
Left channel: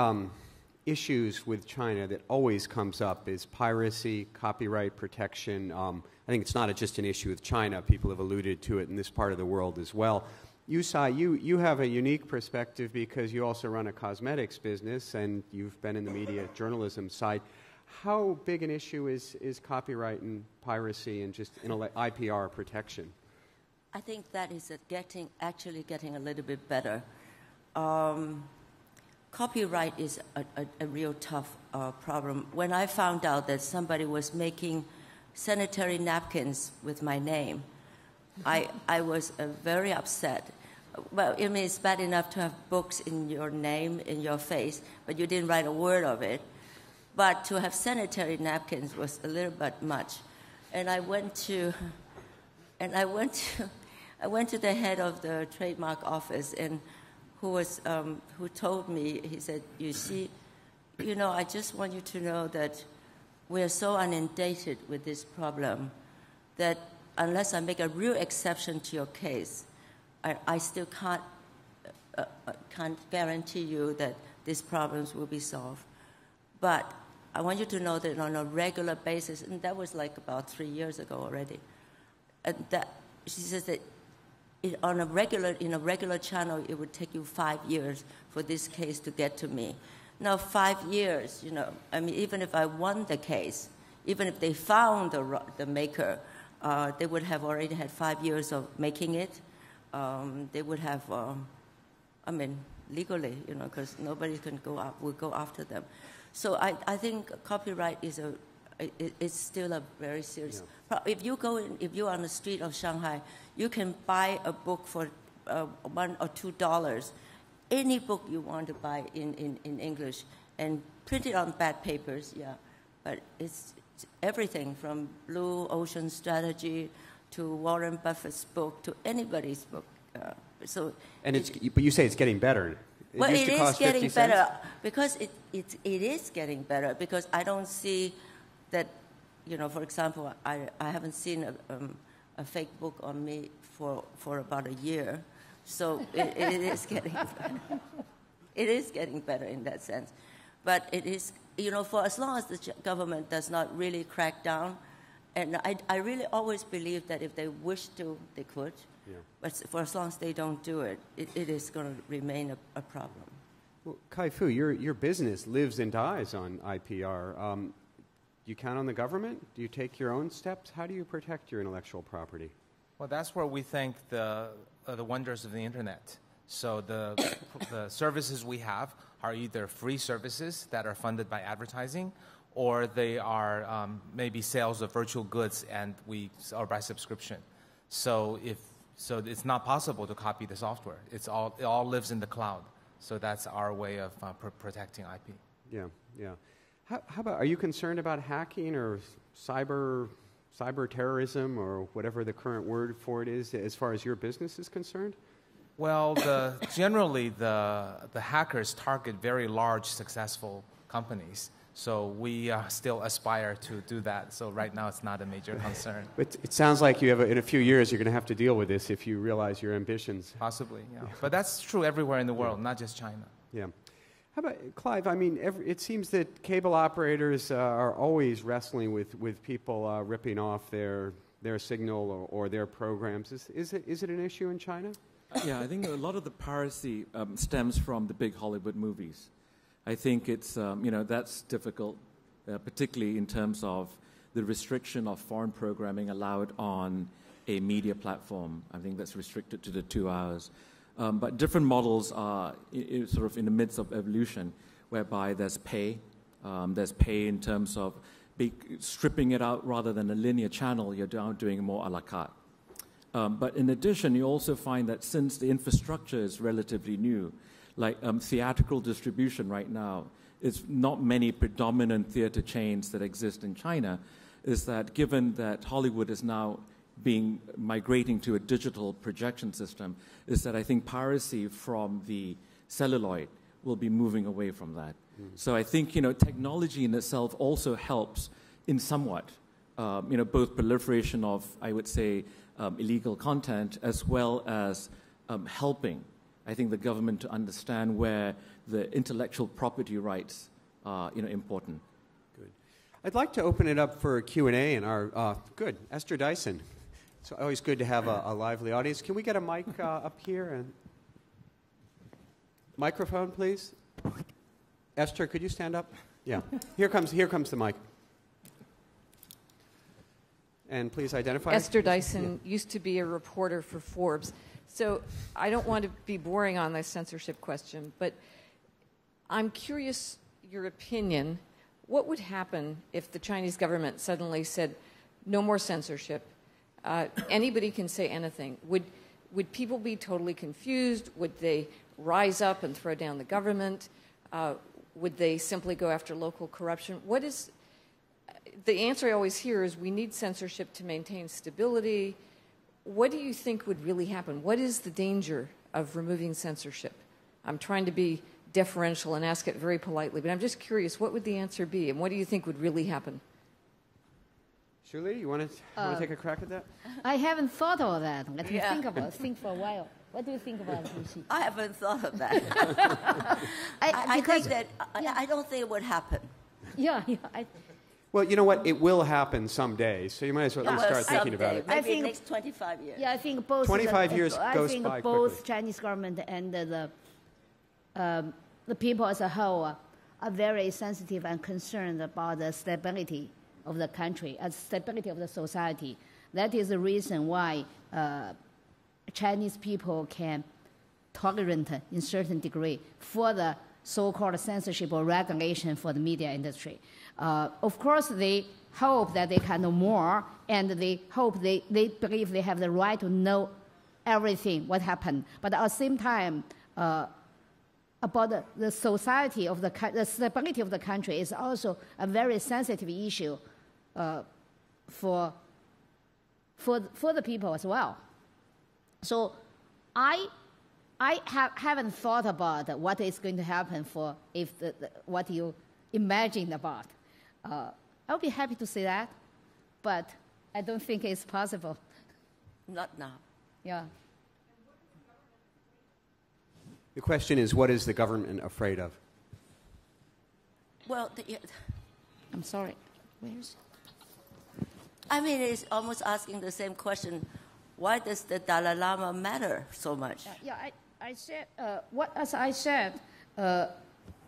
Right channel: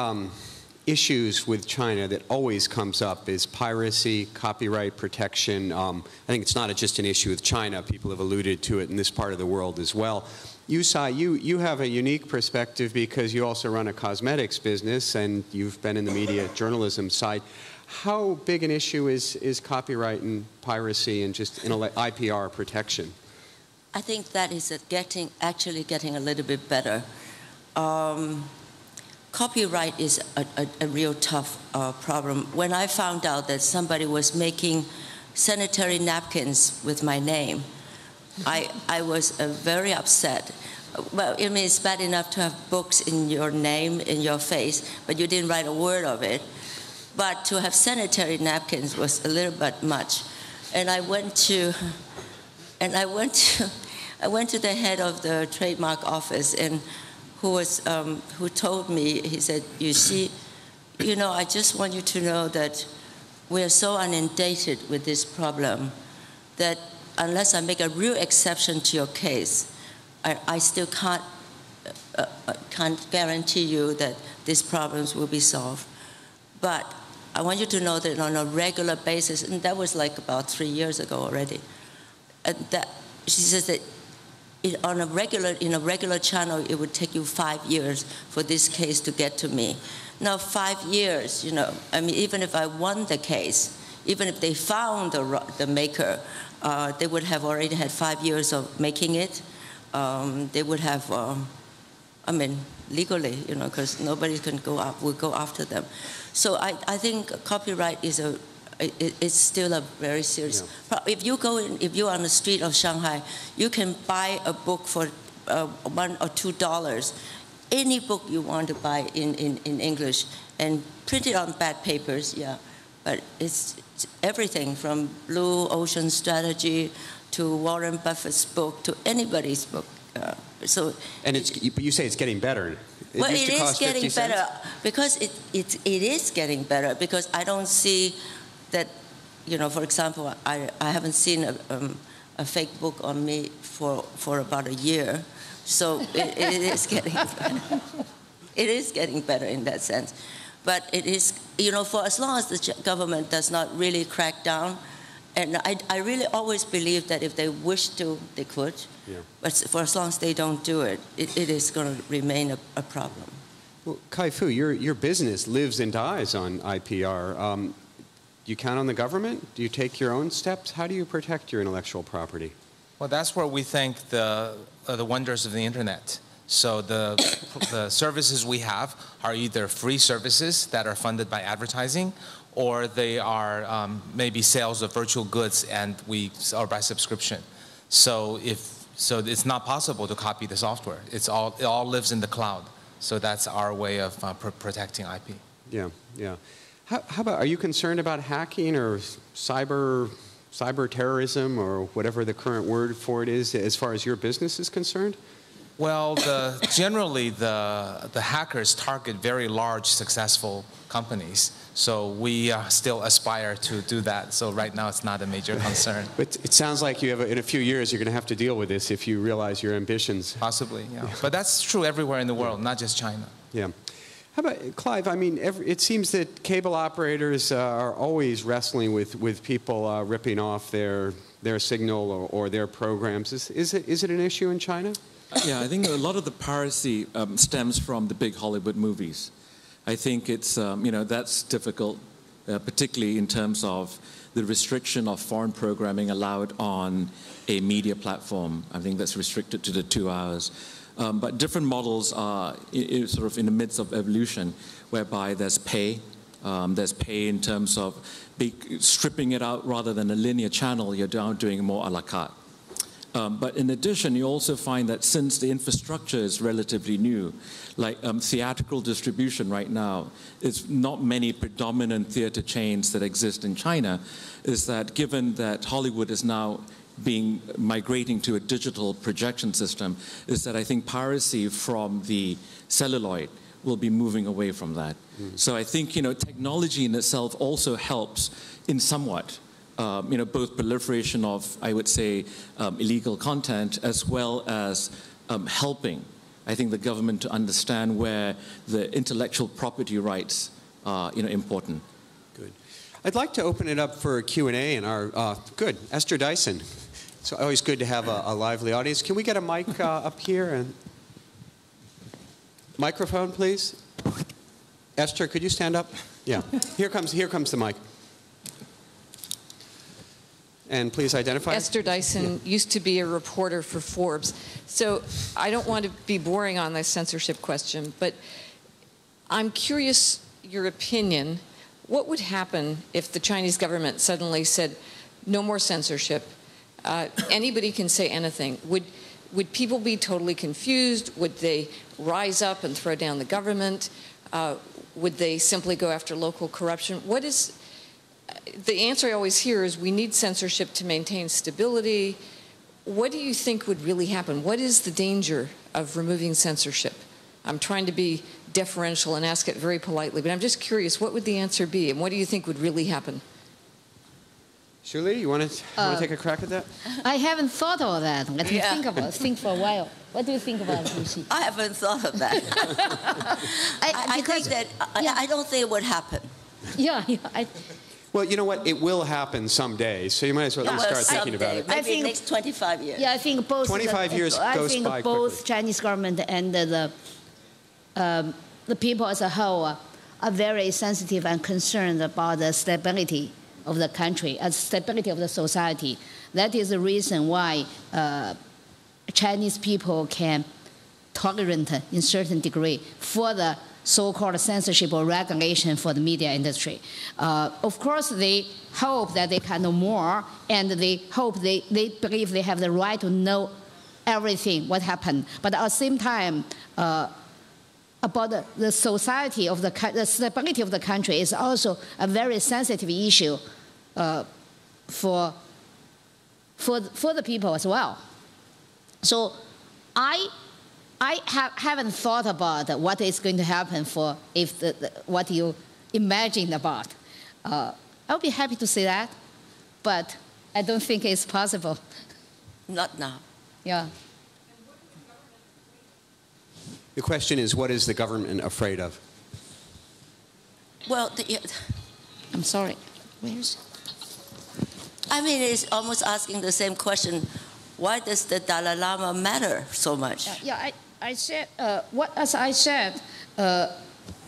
issues with China that always comes up is piracy, copyright protection. I think it's not just an issue with China. People have alluded to it in this part of the world as well. Yusai, you have a unique perspective because you also run a cosmetics business and you've been in the media journalism side. How big an issue is copyright and piracy and just IPR protection? I think that is actually getting a little bit better. Copyright is a real tough problem. When I found out that somebody was making sanitary napkins with my name, I was very upset. Well, I mean, it's bad enough to have books in your name, in your face, but you didn't write a word of it. But to have sanitary napkins was a little bit much. And I went to the head of the trademark office, and who told me, he said, you see, I just want you to know that we are so inundated with this problem that unless I make a real exception to your case, I still can't guarantee you that these problems will be solved. But I want you to know that on a regular basis, and that was like about 3 years ago already, that she says that in a regular channel, it would take you 5 years for this case to get to me. Now, 5 years, I mean, even if I won the case, even if they found the maker, they would have already had 5 years of making it. They would have, I mean, legally, because nobody will go after them. So I think copyright it's still a very serious problem. If you're on the street of Shanghai, you can buy a book for $1 or $2. Any book you want to buy in English and print it on bad papers, But it's everything from Blue Ocean Strategy to Warren Buffett's book to anybody's book. But you say it's getting better. Well, used it to is cost 50 getting cents. better because it is getting better because I don't see that, you know, for example, I haven't seen a fake book on me for about a year, so it is getting better. It is getting better in that sense. But it is, you know, for as long as the government does not really crack down, and I really always believe that if they wish to, they could. Yeah. But for as long as they don't do it, it is going to remain a problem. Well, Kai-Fu, your business lives and dies on IPR. Do you count on the government? Do you take your own steps? How do you protect your intellectual property? Well, that's where we thank the wonders of the internet. So the services we have are either free services that are funded by advertising, or they are maybe sales of virtual goods and or by subscription. So it's not possible to copy the software. It all lives in the cloud. So that's our way of protecting IP. Yeah, yeah. How about, are you concerned about hacking or cyber terrorism or whatever the current word for it is as far as your business is concerned? Well, generally the hackers target very large, successful companies. So we still aspire to do that. So right now it's not a major concern. But it sounds like you have, in a few years, you're going to have to deal with this if you realize your ambitions. Possibly, yeah. But that's true everywhere in the world, not just China. Yeah. How about, Clive, I mean, it seems that cable operators are always wrestling with people ripping off their signal or their programs. Is it an issue in China? Yeah, I think a lot of the piracy stems from the big Hollywood movies. I think it's, you know, that's difficult, particularly in terms of the restriction of foreign programming allowed on a media platform. I think that's restricted to the 2 hours. But different models are sort of in the midst of evolution, whereby there's pay. There's pay in terms of stripping it out rather than a linear channel. You're now doing more a la carte. But in addition, you also find that since the infrastructure is relatively new, like theatrical distribution right now, it's not many predominant theater chains that exist in China, is that given that Hollywood is now migrating to a digital projection system, is that I think piracy from the celluloid will be moving away from that. So I think, you know, technology in itself also helps in somewhat. You know, both proliferation of, I would say, illegal content, as well as helping, I think, the government to understand where the intellectual property rights are, you know, important. Good. I'd like to open it up for a Q&A and our, good, Esther Dyson. It's always good to have a lively audience. Can we get a mic up here? And microphone, please. Esther, could you stand up? Yeah. Here comes the mic. And please identify. Esther Dyson used to be a reporter for Forbes. So I don't want to be boring on this censorship question, but I'm curious your opinion. What would happen if the Chinese government suddenly said, no more censorship, anybody can say anything? Would people be totally confused? Would they rise up and throw down the government? Would they simply go after local corruption? What is... The answer I always hear is we need censorship to maintain stability. What do you think would really happen? What is the danger of removing censorship? I'm trying to be deferential and ask it very politely, but I'm just curious, what would the answer be, and what do you think would really happen? Shuli, you want to take a crack at that? I haven't thought of that. Let me think for a while. What do you think about it, Lucy? I haven't thought of that. I think that I don't think it would happen. Yeah. Well, you know what? It will happen someday, so you might as well at least start thinking about it. Maybe I think the next 25 years. Yeah, I think both. 25 years goes by both quickly. Chinese government and the people as a whole are very sensitive and concerned about the stability of the country and stability of the society. That is the reason why Chinese people can tolerate in certain degree for the so-called censorship or regulation for the media industry. Of course, they hope that they can know more, and they hope they believe they have the right to know everything, what happened. But at the same time, about the society of the stability of the country is also a very sensitive issue for the people as well. So I I haven't thought about what is going to happen for if what you imagined about. I'll be happy to say that, but I don't think it's possible. Not now. Yeah. The question is, what is the government afraid of? Well, I'm sorry. Where's? I mean, it's almost asking the same question. Why does the Dalai Lama matter so much? Yeah, I said, as I said,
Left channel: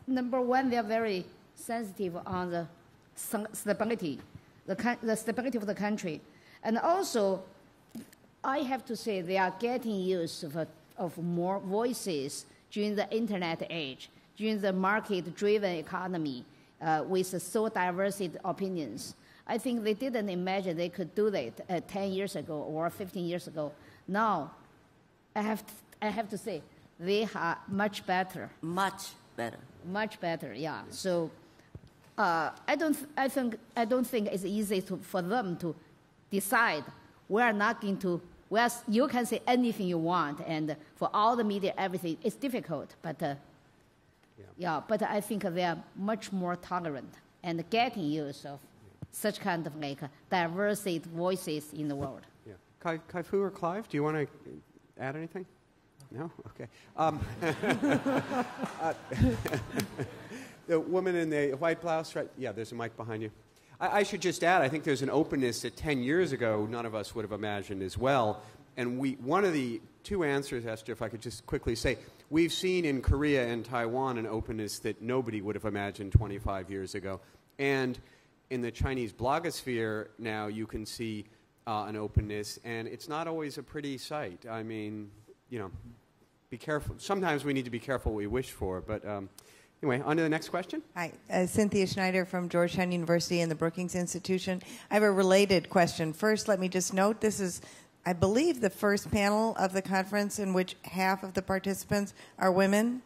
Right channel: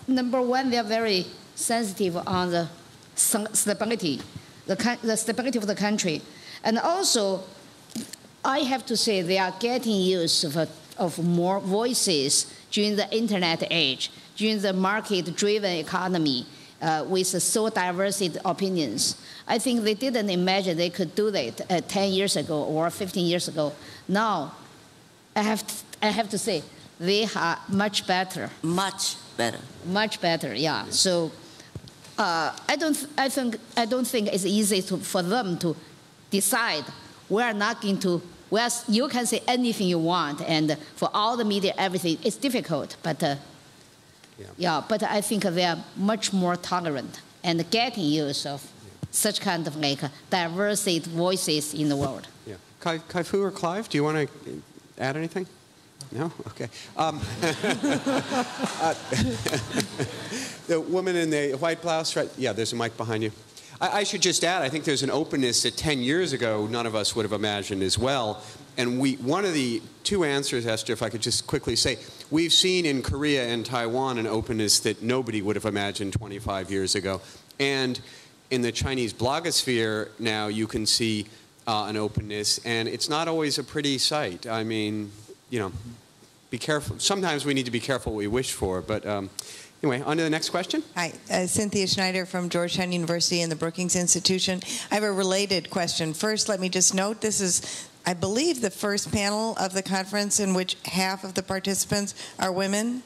number one, they're very sensitive on the stability, the stability of the country. And also, I have to say they are getting use of more voices during the internet age, during the market-driven economy with so diverse opinions. I think they didn't imagine they could do that 10 years ago or 15 years ago. Now, I have to say, they are much better. Much better. Much better, yeah. So I don't think it's easy for them to decide we're not going to. Well, you can say anything you want, and for all the media, everything, it's difficult. But yeah, but I think they are much more tolerant and getting use of such kind of like diverse voices in the world. Yeah. Kai-Fu or Clive, do you want to add anything? No? Okay. The woman in the white blouse, right? Yeah, there's a mic behind you. I should just add, I think there's an openness that 10 years ago none of us would have imagined as well. And one of the two answers, Esther, if I could just quickly say, we've seen in Korea and Taiwan an openness that nobody would have imagined 25 years ago. And in the Chinese blogosphere now you can see an openness, and it's not always a pretty sight. I mean, you know, be careful. Sometimes we need to be careful what we wish for, but anyway, on to the next question. Hi, Cynthia Schneider from Georgetown University and the Brookings Institution. I have a related question. First, let me just note this is, I believe, the first panel of the conference in which half of the participants are women.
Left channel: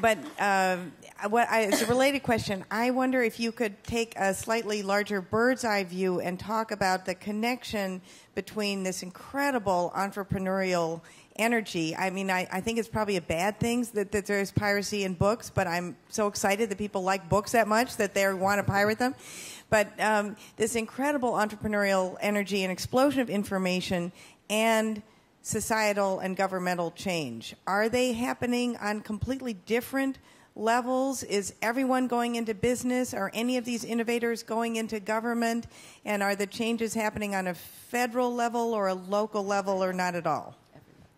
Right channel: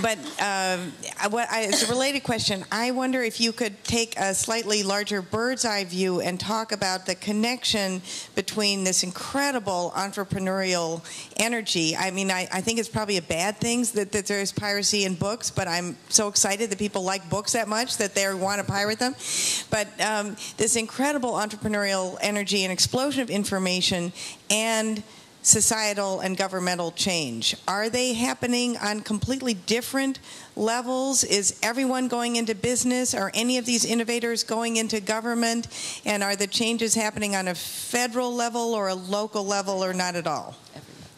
But as a related question, I wonder if you could take a slightly larger bird's eye view and talk about the connection between this incredible entrepreneurial energy. I mean, I think it's probably a bad thing that there's piracy in books, but I'm so excited that people like books that much that they want to pirate them. But this incredible entrepreneurial energy and explosion of information and societal and governmental change. Are they happening on completely different levels? Is everyone going into business? Are any of these innovators going into government? And are the changes happening on a federal level or a local level or not at all?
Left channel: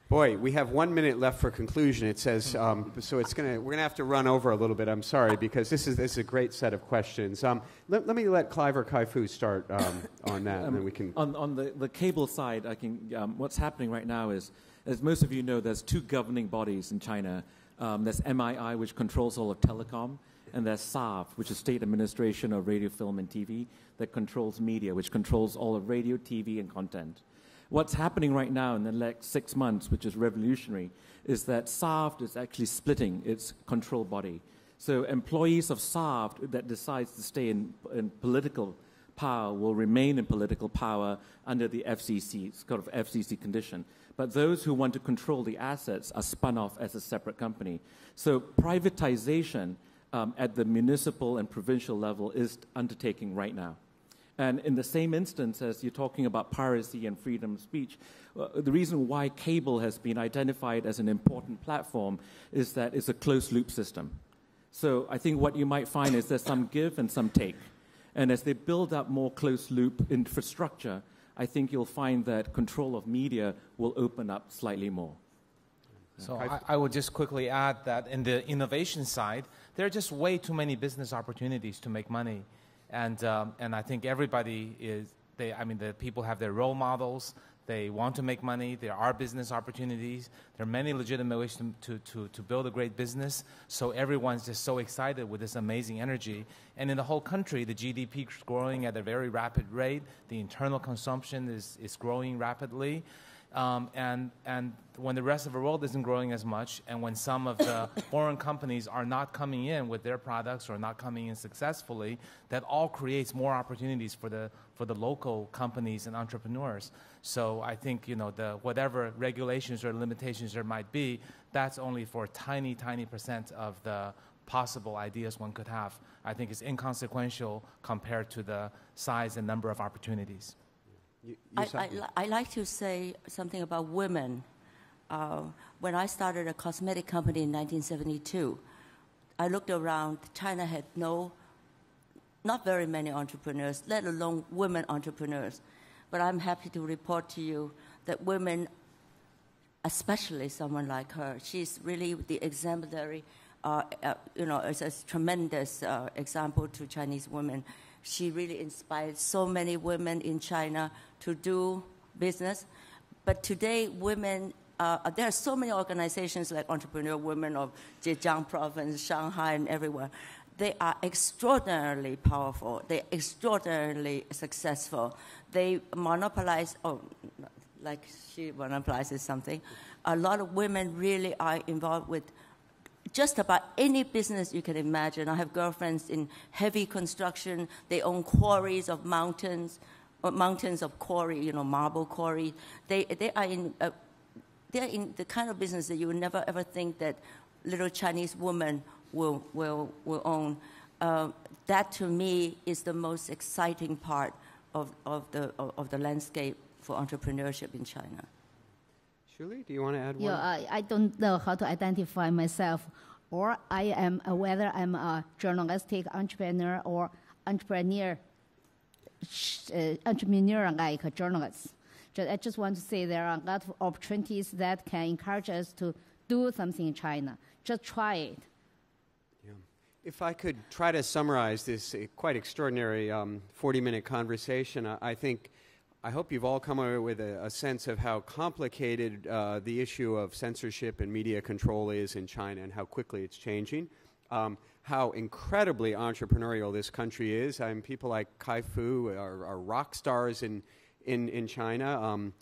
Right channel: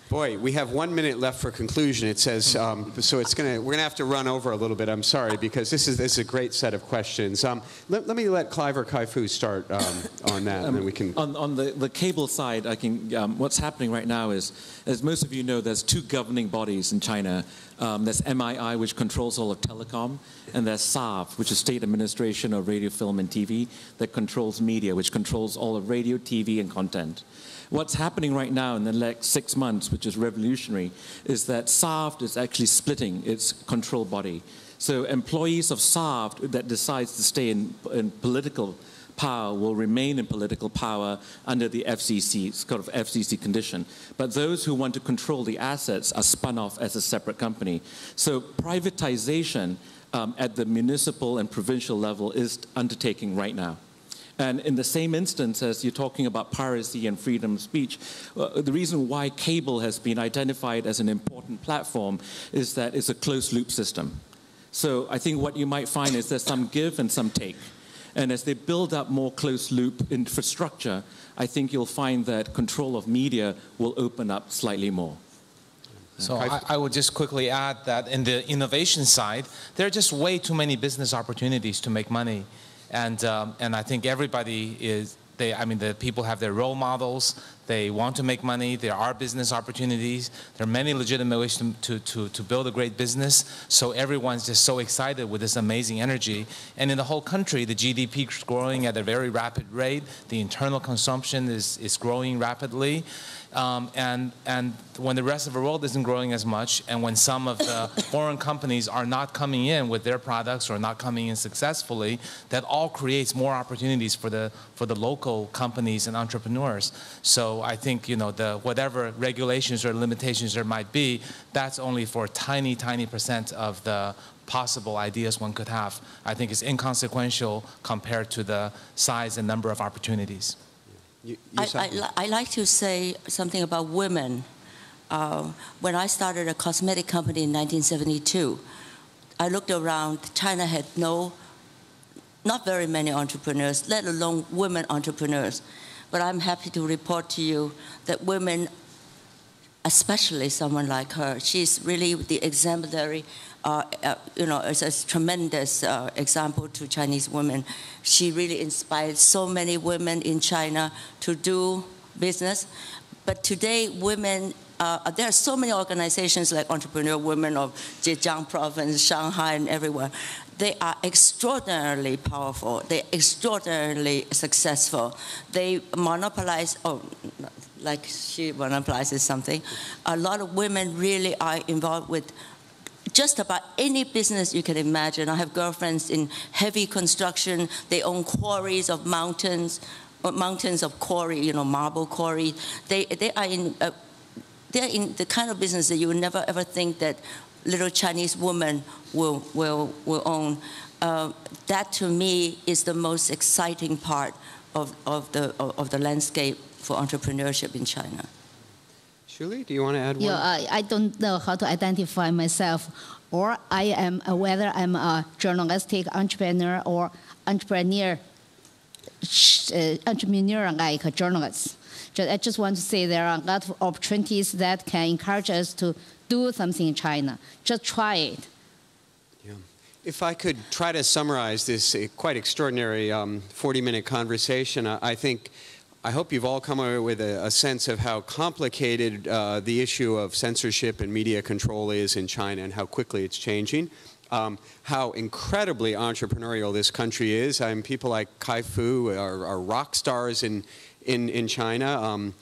Boy, we have 1 minute left for conclusion. It says, so we're gonna have to run over a little bit. I'm sorry, because this is a great set of questions. Let me let Clive or Kai-Fu start on that, and then we can. On the cable side, I can. What's happening right now is, as most of you know, there's two governing bodies in China. There's MII, which controls all of telecom, and there's SAV, which is State Administration of Radio, Film, and TV, that controls media, which controls all of radio, TV, and content. What's happening right now in the next 6 months, which is revolutionary, is that SAV is actually splitting its control body. So employees of SAV that decides to stay in political power will remain in political power under the FCC, it's kind of FCC condition. But those who want to control the assets are spun off as a separate company. So privatization at the municipal and provincial level is undertaking right now. And in the same instance as you're talking about piracy and freedom of speech, the reason why cable has been identified as an important platform is that it's a closed-loop system. So I think what you might find is there's some give and some take. And as they build up more closed-loop infrastructure, I think you'll find that control of media will open up slightly more. So I would just quickly add that in the innovation side, there are just way too many business opportunities to make money. And I think everybody is, the people have their role models, they want to make money, there are business opportunities, there are many legitimate ways to build a great business, so everyone's just so excited with this amazing energy. And in the whole country, the GDP is growing at a very rapid rate, the internal consumption is growing rapidly. And when the rest of the world isn't growing as much, and when some of the foreign companies are not coming in with their products or not coming in successfully, that all creates more opportunities for the local companies and entrepreneurs. So so I think, you know, whatever regulations or limitations there might be, that's only for a tiny, tiny % of the possible ideas one could have. I think it's inconsequential compared to the size and number of opportunities. I like to say something about women. When I started a cosmetic company in 1972, I looked around. China had not very many entrepreneurs, let alone women entrepreneurs. But I'm happy to report to you that women, especially someone like her, she's really the exemplary, you know, it's a tremendous example to Chinese women. She really inspired so many women in China to do business. But today, women, there are so many organizations like Entrepreneur Women of Zhejiang Province, Shanghai, and everywhere. They are extraordinarily powerful. They're extraordinarily successful. They monopolize, like she monopolizes something. A lot of women really are involved with just about any business you can imagine. I have girlfriends in heavy construction. They own quarries of mountains of quarry, you know, marble quarry. They're in the kind of business that you would never ever think that little Chinese woman will own. That to me is the most exciting part of the landscape for entrepreneurship in China. Shuli, do you want to add one? Yeah, I don't know how to identify myself, or whether I'm a journalistic entrepreneur or entrepreneur like a journalist. I just want to say there are a lot of opportunities that can encourage us to do something in China. Just try it. Yeah. If I could try to summarize this quite extraordinary 40-minute conversation, I hope you've all come away with a sense of how complicated the issue of censorship and media control is in China and how quickly it's changing. How incredibly entrepreneurial this country is. People like Kai-Fu are rock stars in China,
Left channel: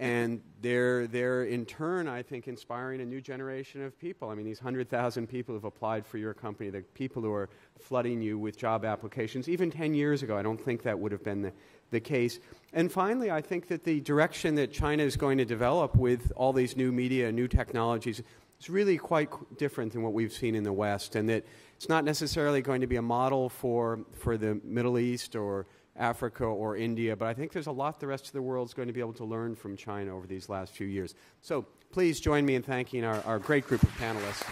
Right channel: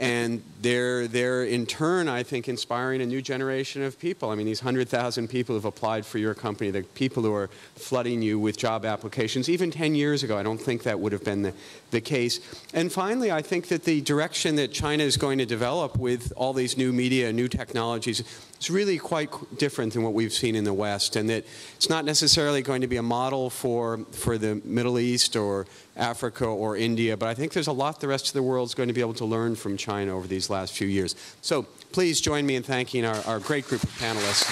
and they're in turn, I think, inspiring a new generation of people. I mean, these 100,000 people who've applied for your company, the people who are flooding you with job applications. Even 10 years ago, I don't think that would have been the case. And finally, I think that the direction that China is going to develop with all these new media, new technologies, is really quite different than what we've seen in the West, and that it's not necessarily going to be a model for the Middle East or Africa or India, but I think there's a lot the rest of the world is going to be able to learn from China over these last few years. So please join me in thanking our great group of panelists.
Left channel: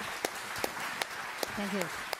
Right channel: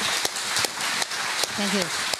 Thank you.